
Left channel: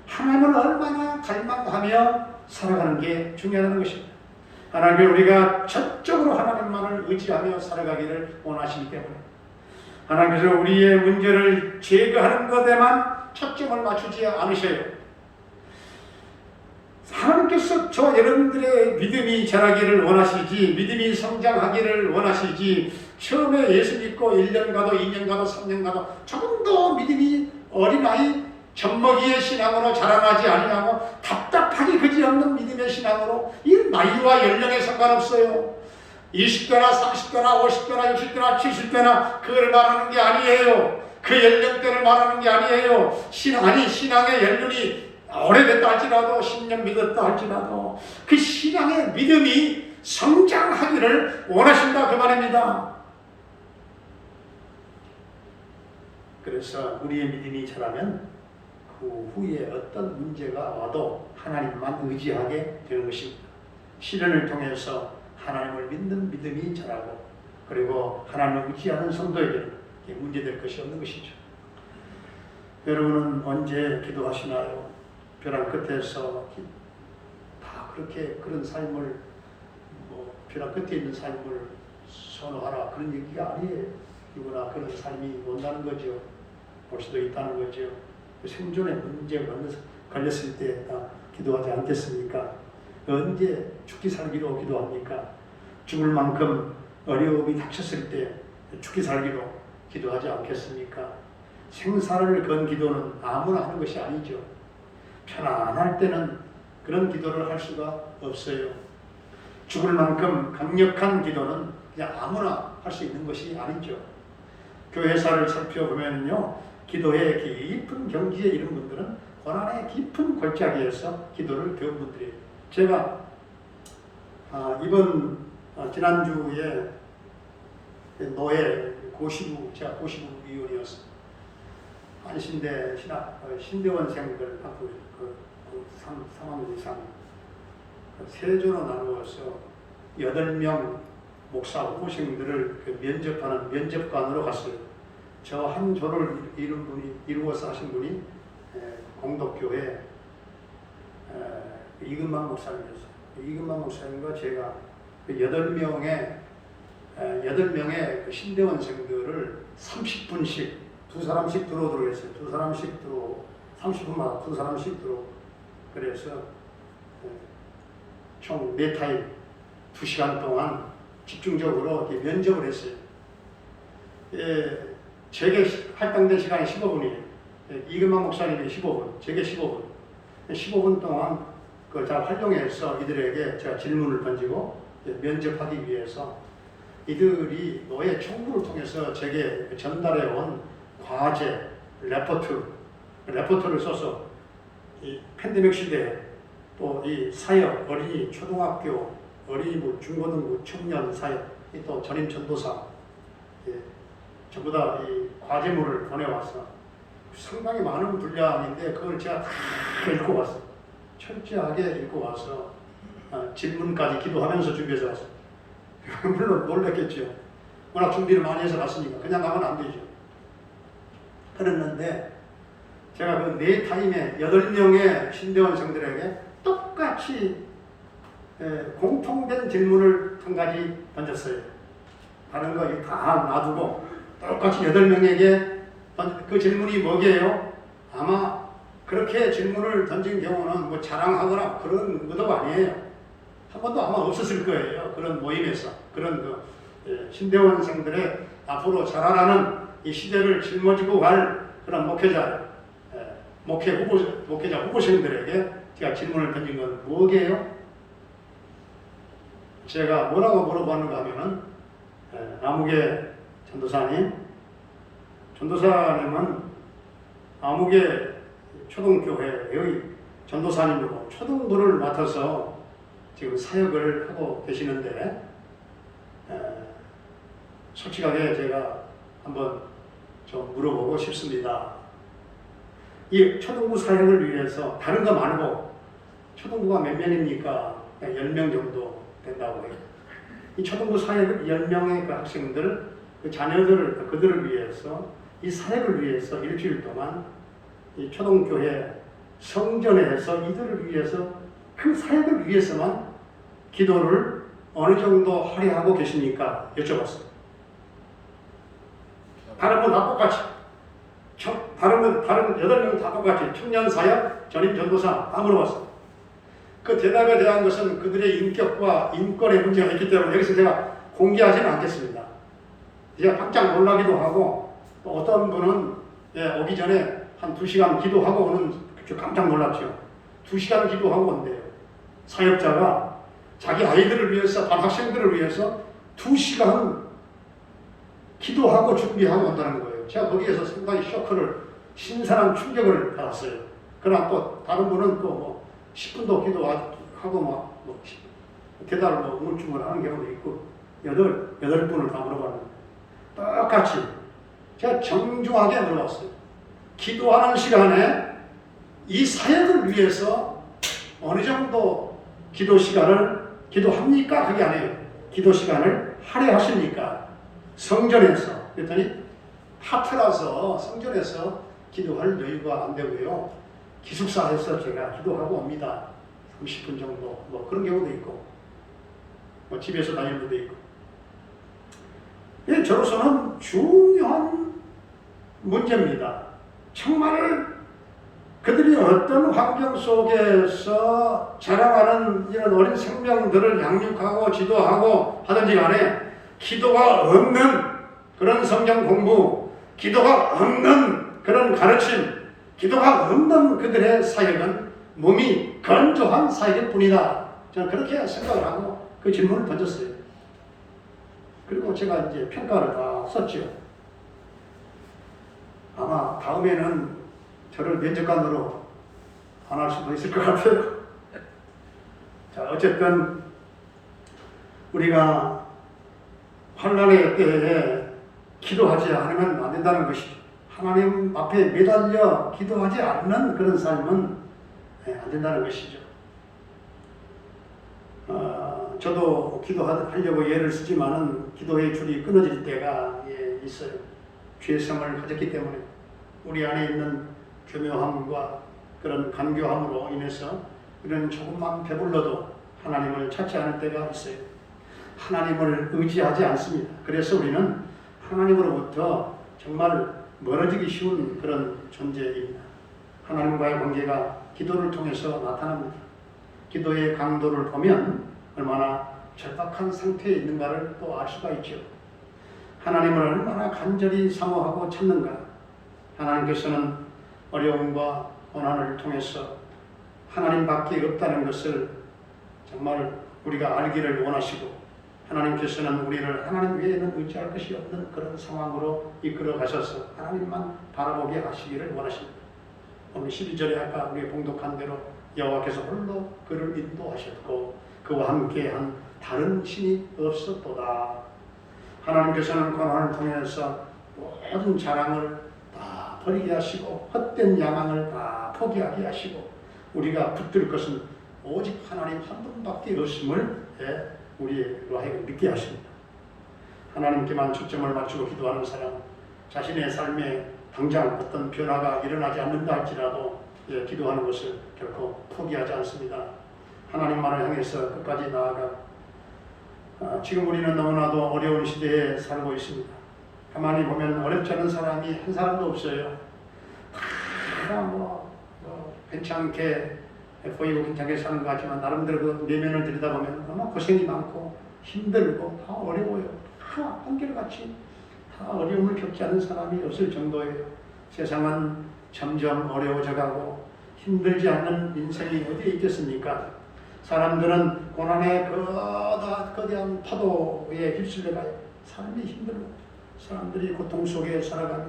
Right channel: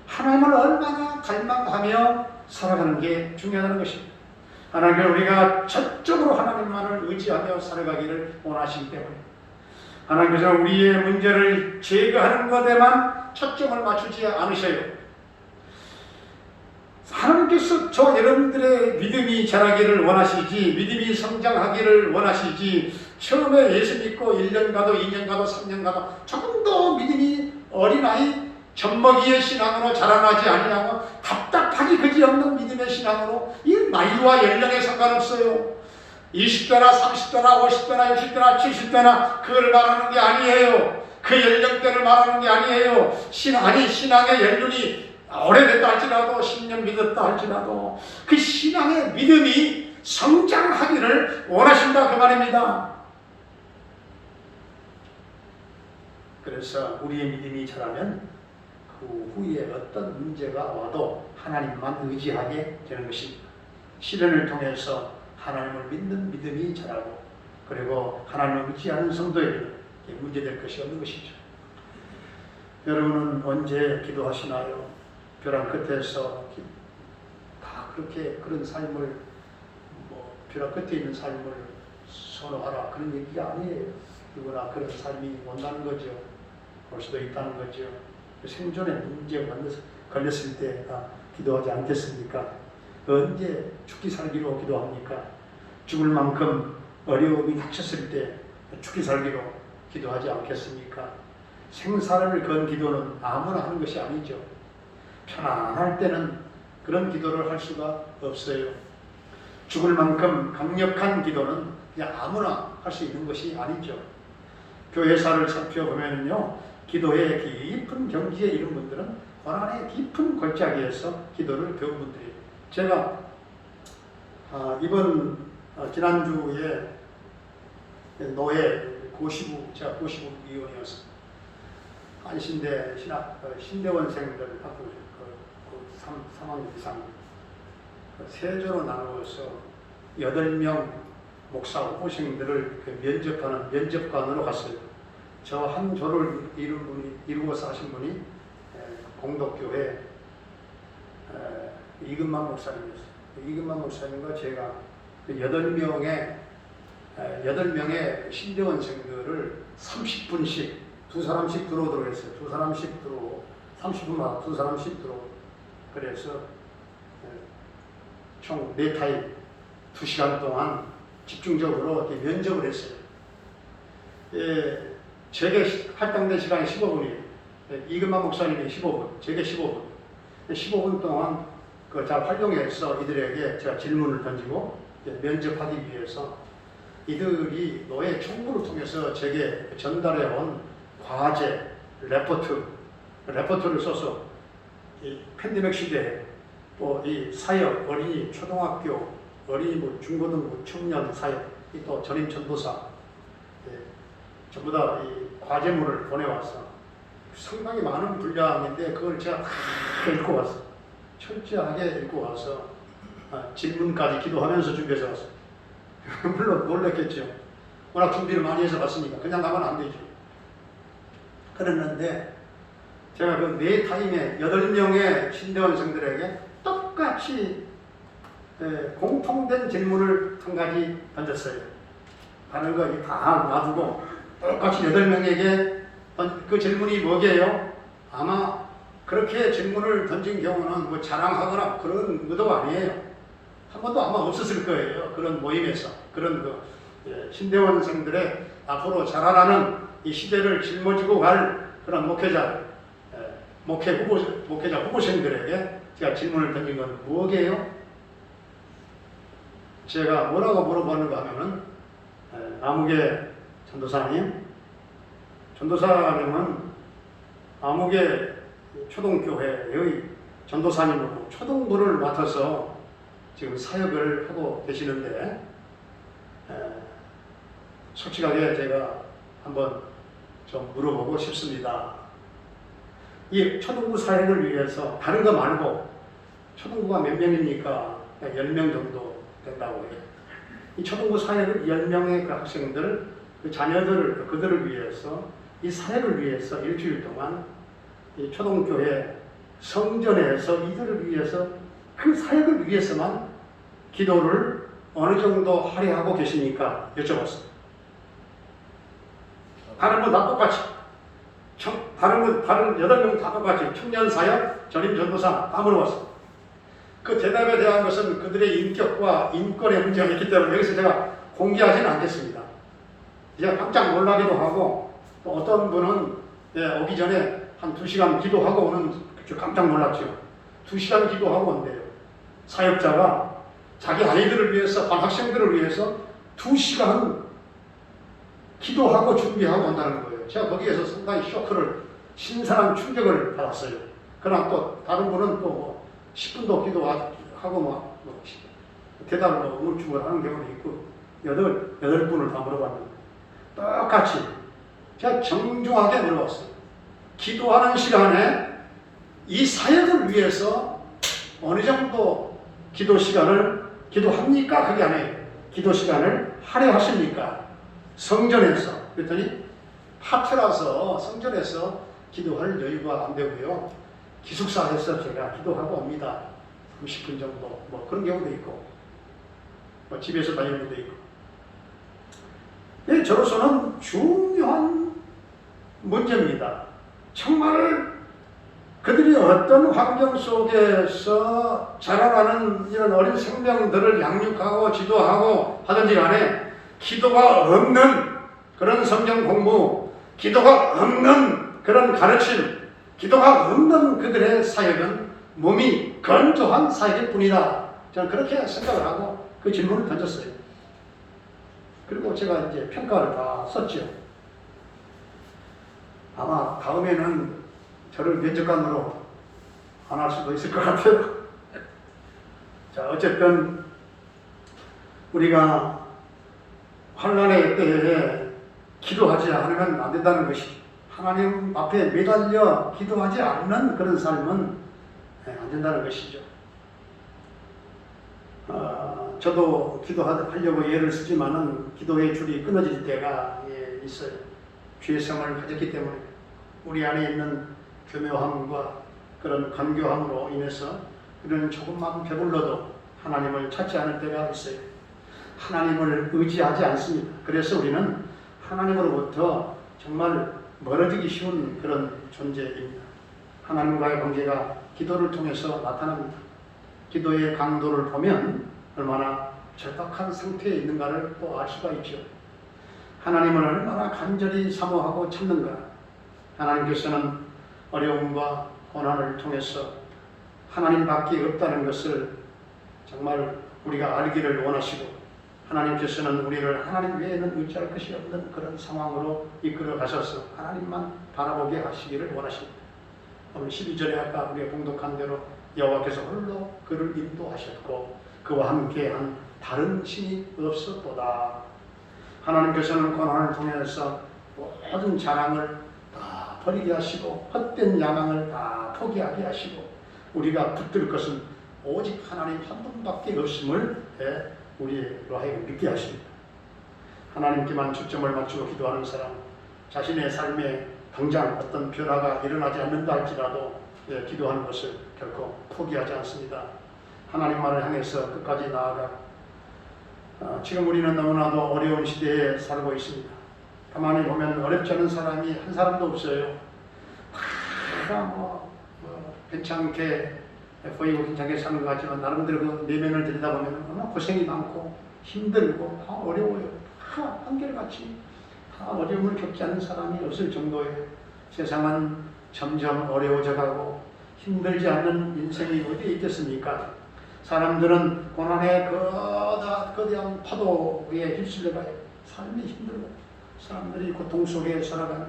하나님을 얼마나 갈망하며 살아가는 게 중요하다는 것입니다. 하나님은 우리가 전적으로 하나님만을 의지하며 살아가기를 원하시기 때문에 하나님께서 우리의 문제를 제거하는 것에만 초점을 맞추지 않으셔요. 하나님께서 저 여러분들의 믿음이 자라기를 원하시지, 믿음이 성장하기를 원하시지, 처음에 예수 믿고 1년 가도 2년 가도 3년 가도 조금 더 믿음이 어린아이 젖먹이의 신앙으로 자라나지 아니하고 답답하기 그지없는 믿음의 신앙으로, 이 나이와 연령에 상관없어요. 20대나 30대나 50대나 60대나 70대나 그걸 말하는 게 아니에요. 그 연령대를 말하는 게 아니에요. 신앙의 연륜이 오래됐다 할지라도 10년 믿었다 할지라도 그 신앙의 믿음이 성장하기를 원하신다 그 말입니다. 그래서 우리의 믿음이 자라면 그 후에 어떤 문제가 와도 하나님만 의지하게 되는 것입니다. 시련을 통해서 하나님을 믿는 믿음이 자라고, 그리고 하나님을 의지하는 성도에게는 문제될 것이 없는 것이죠. 여러분은 언제 기도하시나요? 벼랑 끝에서 다 그렇게 그런 삶을, 벼랑 끝에 있는 삶을 선호하라 그런 얘기가 아니에요. 누구나 그런 삶이 온다는 거죠. 올 수도 있다는 거죠. 생존의 문제가 걸렸을 때 다 기도하지 않겠습니까? 언제 죽기 살기로 기도합니까? 죽을 만큼 어려움이 닥쳤을 때 죽기 살기로 기도하지 않겠습니까? 생사를 건 기도는 아무나 하는 것이 아니죠. 편안할 때는 그런 기도를 할 수가 없어요. 죽을 만큼 강력한 기도는 그냥 아무나 할 수 있는 것이 아니죠. 교회사를 살펴보면요, 기도의 깊은 경지에 이른 분들은 고난의 깊은 골짜기에서 기도를 배운 분들이에요. 제가 이번 지난주에 노예 제가 고시부 위원이었어요. 안신대 신대원생들하고 3학 이상 세조로 나누어서 8명 목사 호생들을 면접하는 면접관으로 갔어요. 저 한 조를 이루어서 하신 분이 공덕교회 이근만 목사님이었어요. 이근만 목사님과 제가 8명의 신대원생들을 30분씩 두 사람씩 들어오도록 했어요. 두 사람씩 들어오, 30분마다 두 사람씩 들어오. 그래서 총 4타임 2시간 동안 집중적으로 면접을 했어요. 제게 할당된 시간이 15분이에요. 이근만 목사님이 15분, 제게 15분. 15분 동안 잘 활용해서 이들에게 제가 질문을 던지고 면접하기 위해서 이들이 노예 총무를 통해서 제게 전달해온 과제, 레포트를 써서 이 팬데믹 시대에 또 이 사역, 어린이, 초등학교, 어린이부, 중고등부, 청년 사역, 또 전임 전도사 전부 다 이 과제물을 보내왔어. 상당히 많은 분량인데 그걸 제가 다 읽고 왔어. 철저하게 읽고 와서 질문까지 기도하면서 준비해서 왔어. 물론 놀랐겠죠. 워낙 준비를 많이 해서 갔으니까 그냥 가면 안 되죠. 그랬는데 제가 그 4타임에 8명의 신대원생들에게 똑같이 공통된 질문을 한 가지 던졌어요. 다른 거 다 놔두고 똑같이 8명에게 그 질문이 뭐게요? 아마 그렇게 질문을 던진 경우는 뭐 자랑하거나 그런 의도가 아니에요. 한 번도 아마 없었을 거예요. 그런 모임에서. 그런 신대원생들의 앞으로 자라나는 이 시대를 짊어지고 갈 그런 목회자 후보생들에게 제가 질문을 던진 건 뭐게요? 제가 뭐라고 물어보는가 하면은 아무개 전도사님은 아무개 초등교회의 전도사님으로 초등부를 맡아서 지금 사역을 하고 계시는데 솔직하게 제가 한번 좀 물어보고 싶습니다. 이 초등부 사역을 위해서 다른 거 말고 초등부가 몇 명입니까? 10명 정도 된다고 해요. 이 초등부 사역을 10명의 그 학생들, 그 자녀들을 그들을 위해서 이 사역을 위해서 일주일 동안 이 초등교회 성전에서 이들을 위해서 그 사역을 위해서만 기도를 어느 정도 할애하고 계십니까? 여쭤봤어요. 다른 건 다 똑같이. 다른 8명 다 똑같이. 청년사역, 전임전도사 다 물어봤어요. 그 대답에 대한 것은 그들의 인격과 인권의 문제가 있기 때문에 여기서 제가 공개하지는 않겠습니다. 제가 깜짝 놀라기도 하고 또 어떤 분은 오기 전에 한 2시간 기도하고 오는 깜짝 놀랐죠. 2시간 기도하고 온대요. 사역자가 자기 아이들을 위해서, 학생들을 위해서 2시간 기도하고 준비하고 온다는 거예요. 제가 거기에서 상당히 쇼크를, 신선한 충격을 받았어요. 그러나 또 다른 분은 또 10분도 기도하고 대답을 우물쭈물 하는 경우도 있고, 8분을 다 물어봤는데, 똑같이 제가 정중하게 물어봤어요. 기도하는 시간에 이 사역을 위해서 어느 정도 기도 시간을 기도합니까? 그게 아니에요. 기도 시간을 할애하십니까? 성전에서. 그랬더니 파트라서 성전에서 기도할 여유가 안 되고요. 기숙사에서 제가 기도하고 옵니다. 30분 정도. 그런 경우도 있고, 집에서 다니는 데도 있고. 저로서는 중요한 문제입니다. 정말 그들이 어떤 환경 속에서 자라가는 이런 어린 생명들을 양육하고 지도하고 하든지 간에 기도가 없는 그런 성경 공부, 기도가 없는 그런 가르침, 기도가 없는 그들의 사역은 몸이 건조한 사역일 뿐이다. 저는 그렇게 생각을 하고 그 질문을 던졌어요. 그리고 제가 이제 평가를 다 썼죠. 아마 다음에는 저를 면접관으로 안 할 수도 있을 것 같아요. 자, 어쨌든 우리가 환난의 때에 기도하지 않으면 안 된다는 것이죠. 하나님 앞에 매달려 기도하지 않는 그런 삶은 안 된다는 것이죠. 저도 기도하려고 예를 쓰지만은 기도의 줄이 끊어질 때가 있어요. 죄성을 가졌기 때문에 우리 안에 있는 교묘함과 그런 간교함으로 인해서 이런 조금만 배불러도 하나님을 찾지 않을 때가 있어요. 하나님을 의지하지 않습니다. 그래서 우리는 하나님으로부터 정말 멀어지기 쉬운 그런 존재입니다. 하나님과의 관계가 기도를 통해서 나타납니다. 기도의 강도를 보면 얼마나 절박한 상태에 있는가를 또 알 수가 있죠. 하나님을 얼마나 간절히 사모하고 찾는가. 하나님께서는 어려움과 고난을 통해서 하나님밖에 없다는 것을 정말 우리가 알기를 원하시고, 하나님께서는 우리를 하나님 외에는 의지할 것이 없는 그런 상황으로 이끌어 가셔서 하나님만 바라보게 하시기를 원하십니다. 오늘 12절에 아까 우리가 봉독한 대로 여호와께서 홀로 그를 인도하셨고 그와 함께한 다른 신이 없었도다. 하나님께서는 고난을 통해서 모든 자랑을 다 버리게 하시고 헛된 야망을 다 포기하게 하시고 우리가 붙들 것은 오직 하나님 한 분밖에 없음을 우리로 하여금 믿게 하십니다. 하나님께만 초점을 맞추고 기도하는 사람, 자신의 삶에 당장 어떤 변화가 일어나지 않는다 할지라도 기도하는 것을 결코 포기하지 않습니다. 하나님만을 향해서 끝까지 나아가 지금 우리는 너무나도 어려운 시대에 살고 있습니다. 가만히 보면 어렵지 않은 사람이 한 사람도 없어요. 다 괜찮게 보이고 괜찮게 사는 것 같지만 나름대로 그 내면을 들여다보면 너무 고생이 많고 힘들고 다 어려워요. 다 한결같이 다 어려움을 겪지 않은 사람이 없을 정도예요. 세상은 점점 어려워져 가고 힘들지 않는 인생이 어디에 있겠습니까? 사람들은 고난의 거대한 파도에 휩쓸려가요. 삶이 힘들고 사람들이 고통 속에 살아가며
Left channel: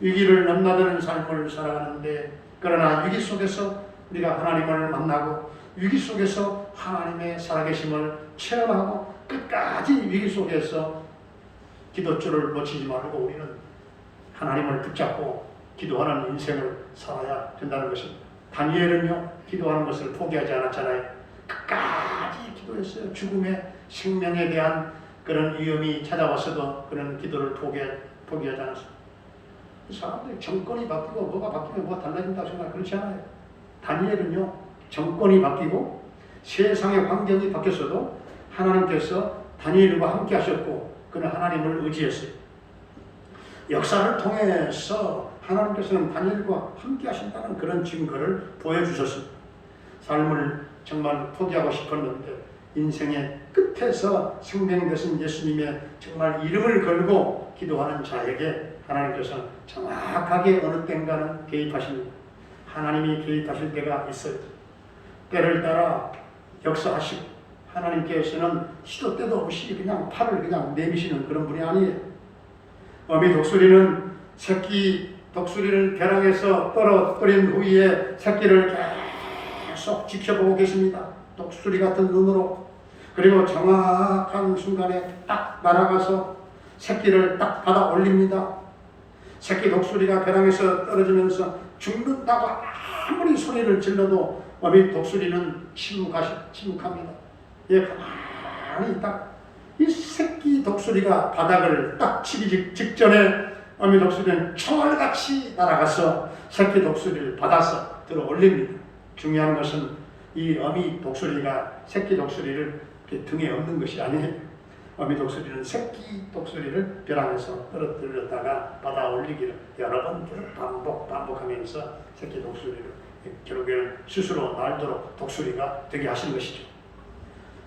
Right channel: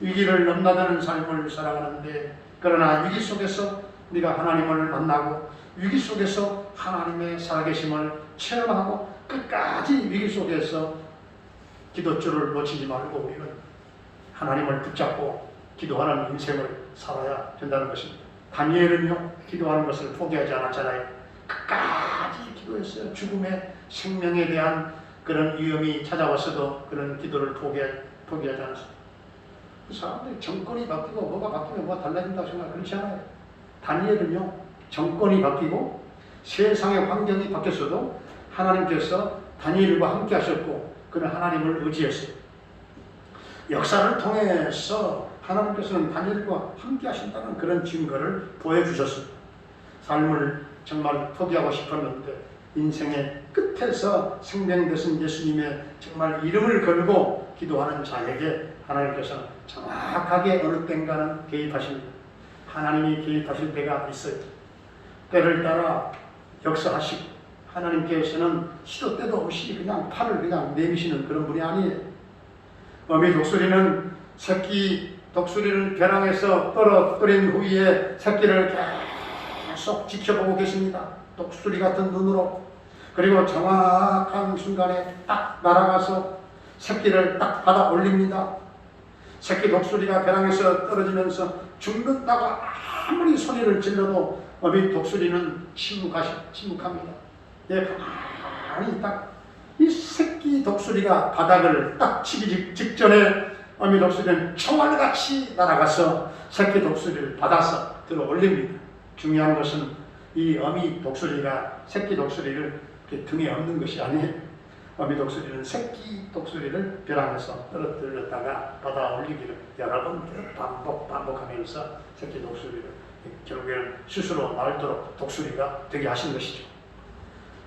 위기를 넘나드는 삶을 살아가는데, 그러나 위기 속에서 우리가 하나님을 만나고 위기 속에서 하나님의 살아계심을 체험하고 끝까지 위기 속에서 기도줄을 놓치지 말고 우리는 하나님을 붙잡고 기도하는 인생을 살아야 된다는 것입니다. 다니엘은요, 기도하는 것을 포기하지 않았잖아요. 끝까지 기도했어요. 죽음의 생명에 대한 그런 위험이 찾아왔어도 그런 기도를 포기하지 않았어요. 사람들이 정권이 바뀌고 뭐가 바뀌면 뭐가 달라진다고 생각 그렇지 않아요. 다니엘은요, 정권이 바뀌고 세상의 환경이 바뀌었어도 하나님께서 다니엘과 함께 하셨고 그는 하나님을 의지했어요. 역사를 통해서 하나님께서는 다니엘과 함께 하신다는 그런 증거를 보여주셨습니다. 삶을 정말 포기하고 싶었는데 인생의 끝에서 생명되신 예수님의 정말 이름을 걸고 기도하는 자에게 하나님께서는 정확하게 어느 때인가는 개입하십니다. 하나님이 개입하실 때가 있어요. 때를 따라 역사하시고 하나님께서는 시도 때도 없이 그냥 팔을 그냥 내미시는 그런 분이 아니에요. 어미 독수리는 새끼 독수리를 벼랑에서 떨어뜨린 후에 새끼를 계속 지켜보고 계십니다. 독수리 같은 눈으로. 그리고 정확한 순간에 딱 날아가서 새끼를 딱 받아 올립니다. 새끼 독수리가 벼랑에서 떨어지면서 죽는다고 아무리 소리를 질러도 어미 독수리는 침묵합니다. 예, 가만히 딱 이 새끼 독수리가 바닥을 딱 치기 직전에 어미 독수리는 총알같이 날아가서 새끼 독수리를 받아서 들어 올립니다. 중요한 것은 이 어미 독수리가 새끼 독수리를 등에 얹는 것이 아니에요. 어미 독수리는 새끼 독수리를 벼랑에서 떨어뜨렸다가 받아 올리기를 여러 번 반복하면서 새끼 독수리를 결국에는 스스로 날도록 독수리가 되게 하신 것이죠.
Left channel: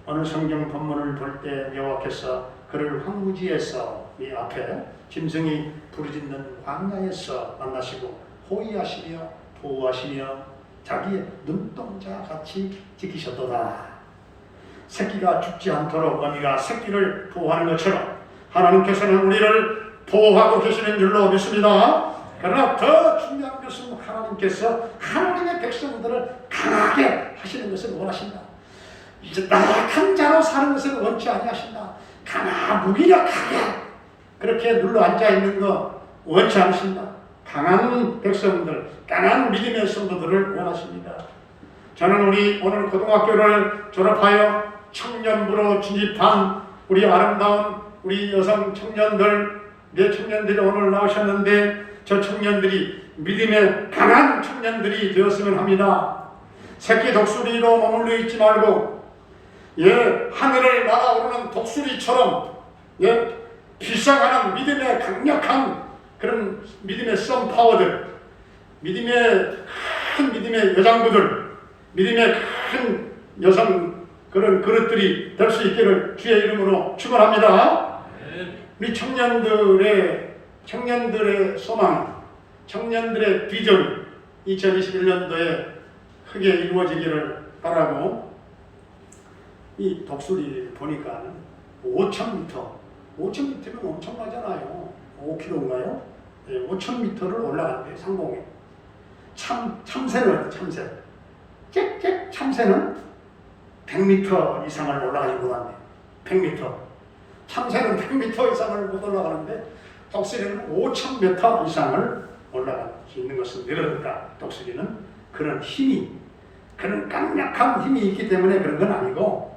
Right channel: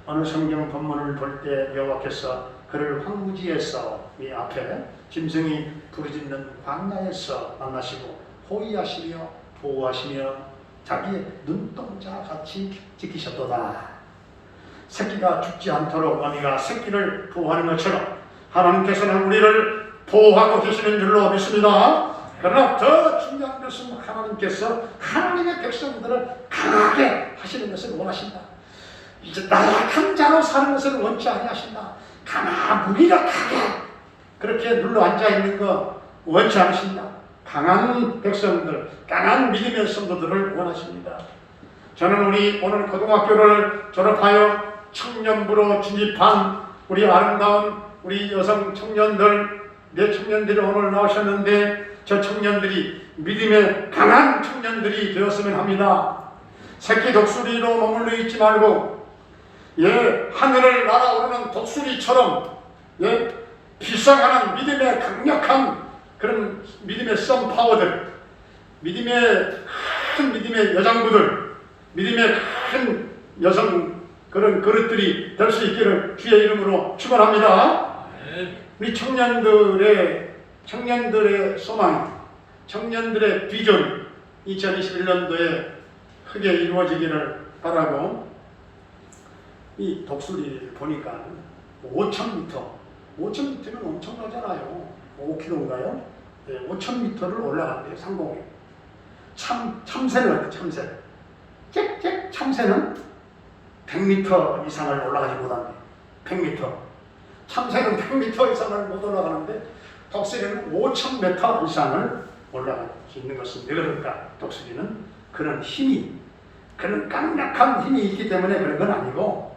어느 성경 본문을 볼 때 여호와께서 그를 황무지에서 이 앞에 짐승이 부르짖는 광야에서 만나시고 호위하시며 보호하시며 자기의 눈동자 같이 지키셨도다. 새끼가 죽지 않도록 어미가 새끼를 보호하는 것처럼 하나님께서는 우리를 보호하고 계시는 줄로 믿습니다. 그러나 더 중요한 것은 하나님께서 하나님의 백성들을 강하게 하시는 것을 원하신다. 이제 나약한 자로 사는 것을 원치 아니하신다. 무기력하게 그렇게 눌러 앉아 있는 거 원치 않으신다. 강한 백성들, 강한 믿음의 성도들을 원하십니다. 저는 우리 오늘 고등학교를 졸업하여 청년부로 진입한 우리 아름다운 우리 여성 청년들, 내 청년들이 오늘 나오셨는데 저 청년들이 믿음의 강한 청년들이 되었으면 합니다. 새끼 독수리로 머물러 있지 말고 하늘을 날아오르는 독수리처럼 비상하는 믿음의 강력한 그런 믿음의 썬파워들, 큰 믿음의 여장부들, 믿음의 큰 여성 그런 그릇들이 될 수 있기를 주의 이름으로 축원합니다. 우리 청년들의 소망, 청년들의 비전 2021년도에 크게 이루어지기를 바라고 이 독수리 보니까 5,000m면 엄청나잖아요. 5km인가요? 5,000m를 올라간대요. 상공에. 참새는 참새. 짹짹 참새는 100m 이상을 올라가지 못한대요. 100m. 참새는 100m 이상을 못 올라가는데 독수리는 5,000m 이상을 올라갈 수 있는 것은 왜 그럴까? 독수리는 그런 힘이, 그런 강력한 힘이 있기 때문에 그런 건 아니고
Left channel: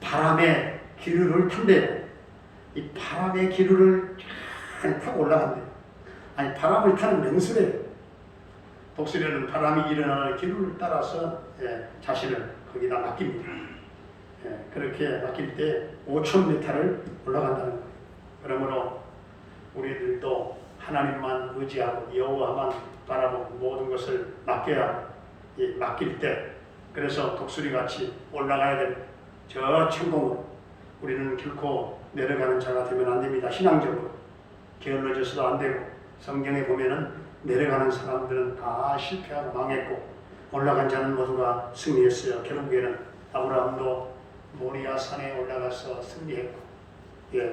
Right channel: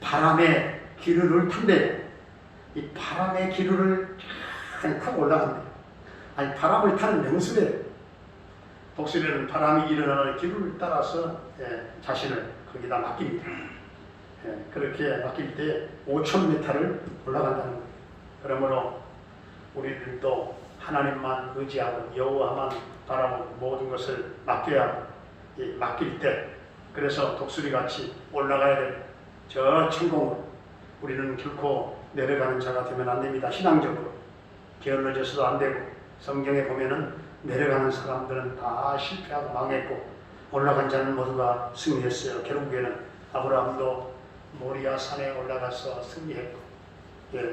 바람의 기류를 탄대요. 이 바람의 기류를 타고 올라간대요. 아니 바람을 타는 명수래요. 독수리는 바람이 일어나는 기류를 따라서 자신을 거기다 맡깁니다. 그렇게 맡길 때 5,000m를 올라간다는 거예요. 그러므로 우리들도 하나님만 의지하고 여호와만 바라보고 모든 것을 맡길 때 그래서 독수리같이 올라가야 됩니다. 저 천공으로 우리는 결코 내려가는 자가 되면 안 됩니다. 신앙적으로 게을러져서도 안 되고 성경에 보면은 내려가는 사람들은 다 실패하고 망했고 올라간 자는 모두가 승리했어요. 결국에는 아브라함도 모리아 산에 올라가서 승리했고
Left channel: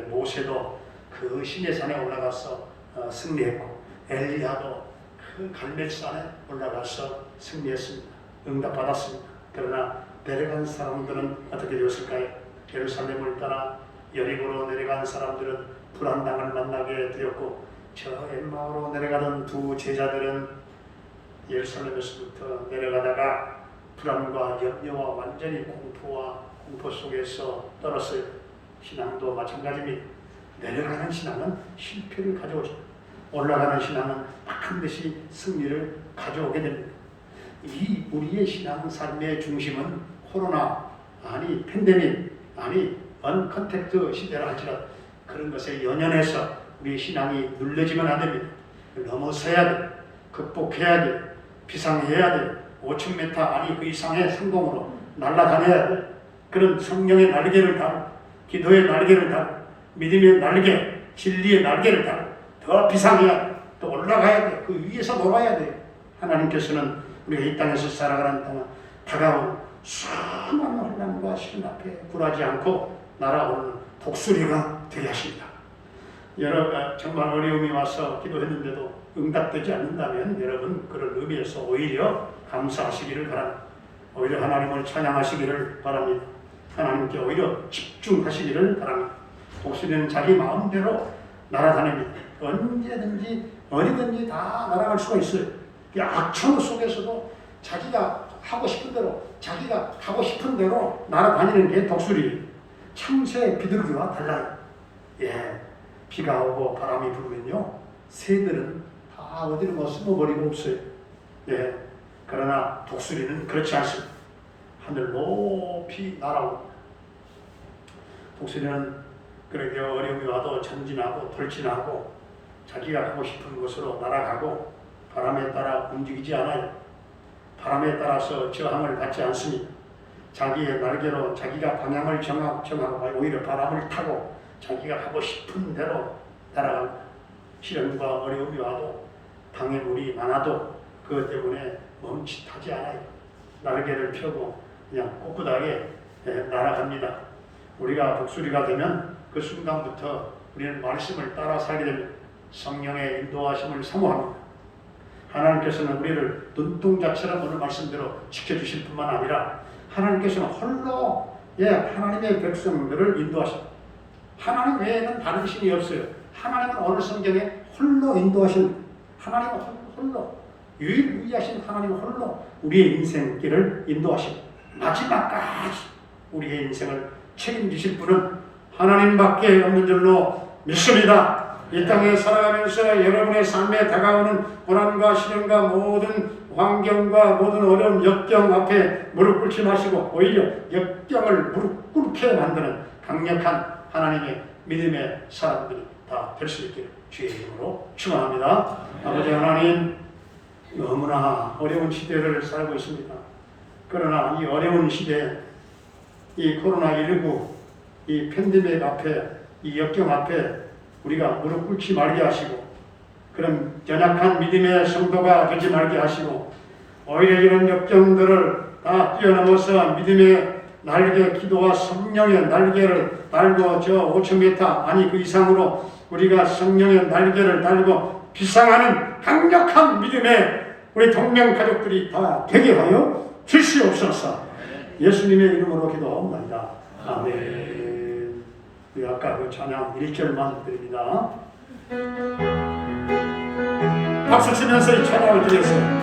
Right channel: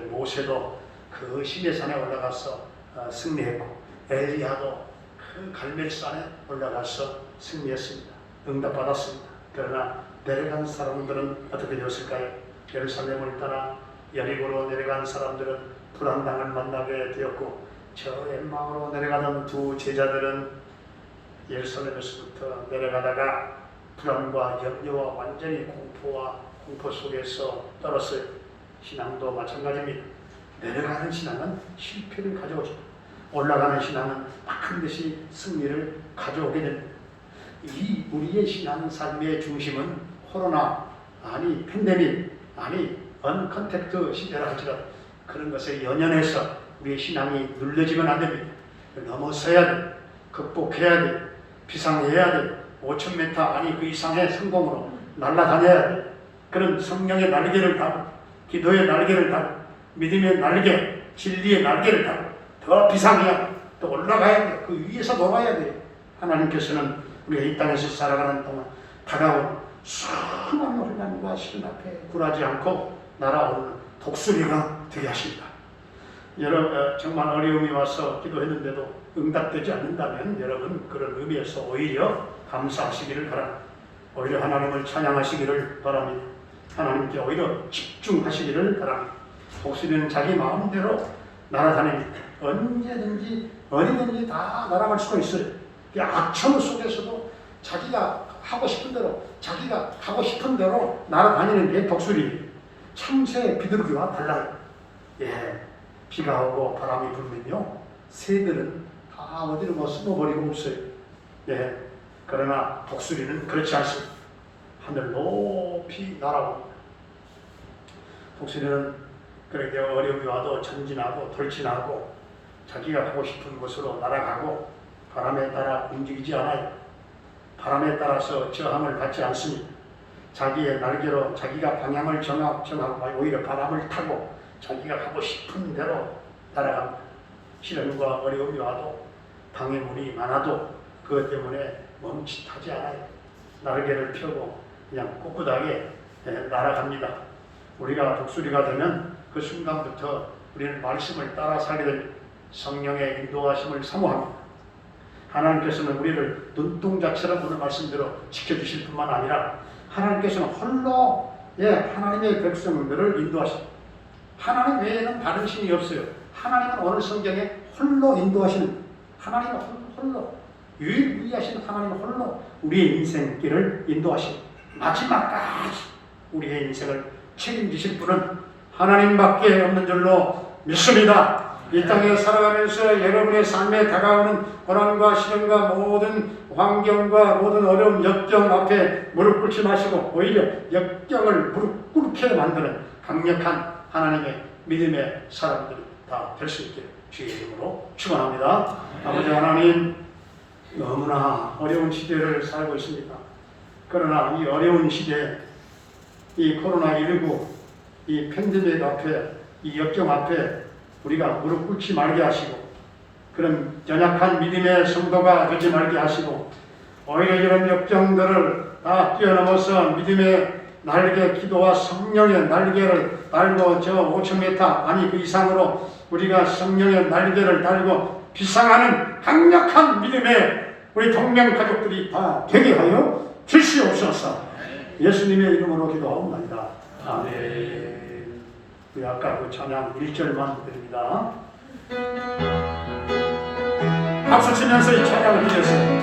모세도 그 시내산에 올라가서 승리했고 엘리야도 그 갈멜산에 올라가서 승리했습니다. 응답받았습니다. 그러나 내려간 사람들은 어떻게 되었을까요? 예루살렘을 따라 여리고로 내려간 사람들은 불안당을 만나게 되었고 저 엠마오로 내려가던 두 제자들은 예루살렘에서부터 내려가다가 불안과 염려와 완전히 공포 속에서 떨었어요. 신앙도 마찬가지입니다. 내려가는 신앙은 실패를 가져오죠. 올라가는 신앙은 반드시 승리를 가져오게 됩니다. 이 우리의 신앙 삶의 중심은 코로나, 팬데믹, 아니 언컨택트 시대라 할지라도 그런 것에 연연해서 우리의 신앙이 눌러지면 안 됩니다. 넘어서야 돼. 극복해야 돼. 비상해야 돼. 5,000m 아니 그 이상의 성공으로 날아다녀야 돼. 그런 성령의 날개를 달고 기도의 날개를 달고 믿음의 날개, 진리의 날개를 달고 더 비상해야 돼. 더 올라가야 돼. 그 위에서 놀아야 돼. 하나님께서는 우리가 이 땅에서 살아가는 동안 다가온 수많은 혼란과 시련 앞에 굴하지 않고 날아오는 독수리가 되게 하십니다. 여러분 정말 어려움이 와서 기도했는데도 응답되지 않는다면 여러분 그런 의미에서 오히려 감사하시기를 바랍니다. 오히려 하나님을 찬양하시기를 바랍니다. 하나님께 오히려 집중하시기를 바랍니다. 독수리는 자기 마음대로 날아다닙니다. 언제든지 어디든지 다 날아갈 수가 있어요. 악천 속에서도 자기가 하고 싶은 대로 자기가 가고 싶은 대로 날아다니는 게 독수리. 참새 비둘기와 달라요. 예, 비가 오고 바람이 불면요 새들은 다 어디로 뭐 숨어버리고 없어요. 예, 그러나 독수리는 그렇지 않습니다. 하늘 높이 날아옵니다. 독수리는 그렇게 어려움이 와도 전진하고 돌진하고 자기가 가고 싶은 곳으로 날아가고 바람에 따라 움직이지 않아요. 바람에 따라서 저항을 받지 않습니다. 자기의 날개로 자기가 방향을 정하고 오히려 바람을 타고 자기가 가고 싶은 대로 날아갑니다. 시련과 어려움이 와도 방해물이 많아도 그것 때문에 멈칫하지 않아요. 날개를 펴고 그냥 꿋꿋하게 날아갑니다. 우리가 독수리가 되면 그 순간부터 우리는 말씀을 따라 살게 됩니다. 성령의 인도하심을 사모합니다. 하나님께서는 우리를 눈동자처럼 오늘 말씀대로 지켜주실 뿐만 아니라 하나님께서는 홀로 하나님의 백성들을 인도하십니다. 하나님 외에는 다른 신이 없어요. 하나님은 오늘 성경에 홀로 인도하신 하나님은 홀로 유일무이하신 하나님은 홀로 우리의 인생길을 인도하십니다. 마지막까지 우리의 인생을 책임지실 분은 하나님밖에 없는 줄로 믿습니다. 이 땅에 살아가면서 여러분의 삶에 다가오는 고난과 시련과 모든 환경과 모든 어려운 역경 앞에 무릎 꿇지 마시고 오히려 역경을 무릎 꿇게 만드는 강력한 하나님의 믿음의 사람들이 다 될 수 있게 주의 이름으로 축원합니다. 아버지 하나님, 너무나 어려운 시대를 살고 있습니다. 그러나 이 어려운 시대, 이 코로나19, 이 팬데믹 앞에, 이 역경 앞에 우리가 무릎 꿇지 말게 하시고 그런 연약한 믿음의 성도가 되지 말게 하시고 오히려 이런 역경들을 다 뛰어넘어서 믿음의 날개, 기도와 성령의 날개를 달고 저 5,000m 아니 그 이상으로 우리가 성령의 날개를 달고 비상하는 강력한 믿음의 우리 동명 가족들이 다 되게 하여 주시옵소서. 예수님의 이름으로 기도합니다. 아멘. 우리 아까 그 찬양 1절만 드립니다. 박수 치면서 이 찬양을 드렸어요.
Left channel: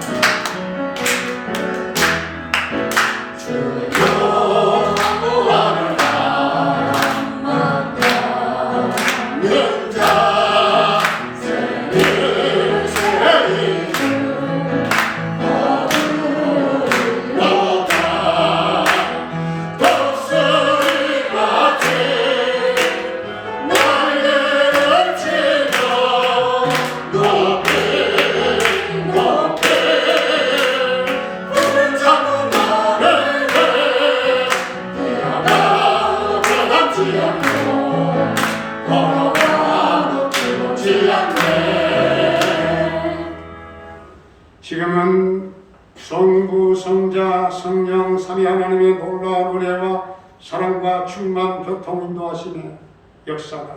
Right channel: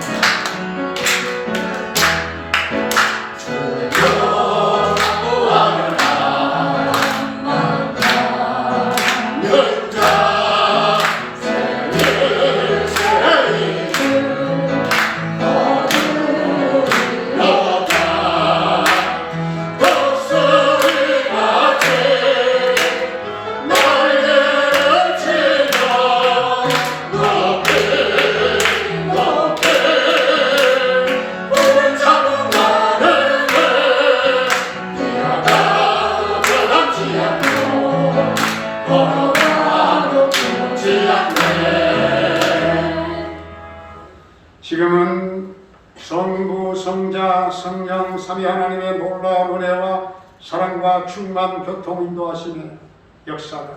지금은 성부, 성자, 성령, 삼위 하나님의 놀라운 은혜와 사랑과 충만 교통 인도하심의 역사가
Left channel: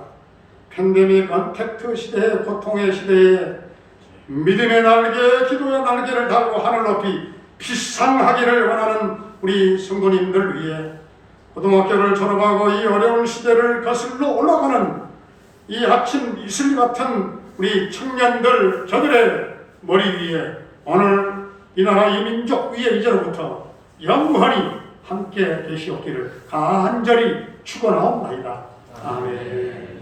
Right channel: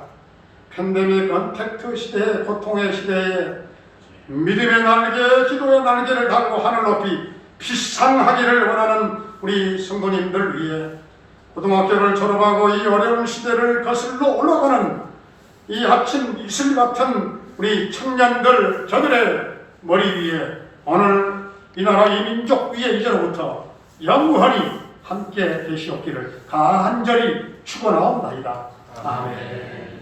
팬데믹 언택트 시대의 고통의 시대에 믿음의 날개, 기도의 날개를 달고 하늘 높이 비상하기를 원하는 우리 성도님들 위해 고등학교를 졸업하고 이 어려운 시대를 거슬러 올라가는 이 아침 이슬 같은 우리 청년들 저들의 머리 위에 오늘 이 나라 이 민족 위에 이제로부터 영원히 함께 계시옵기를 간절히 축원하옵나이다. 아멘.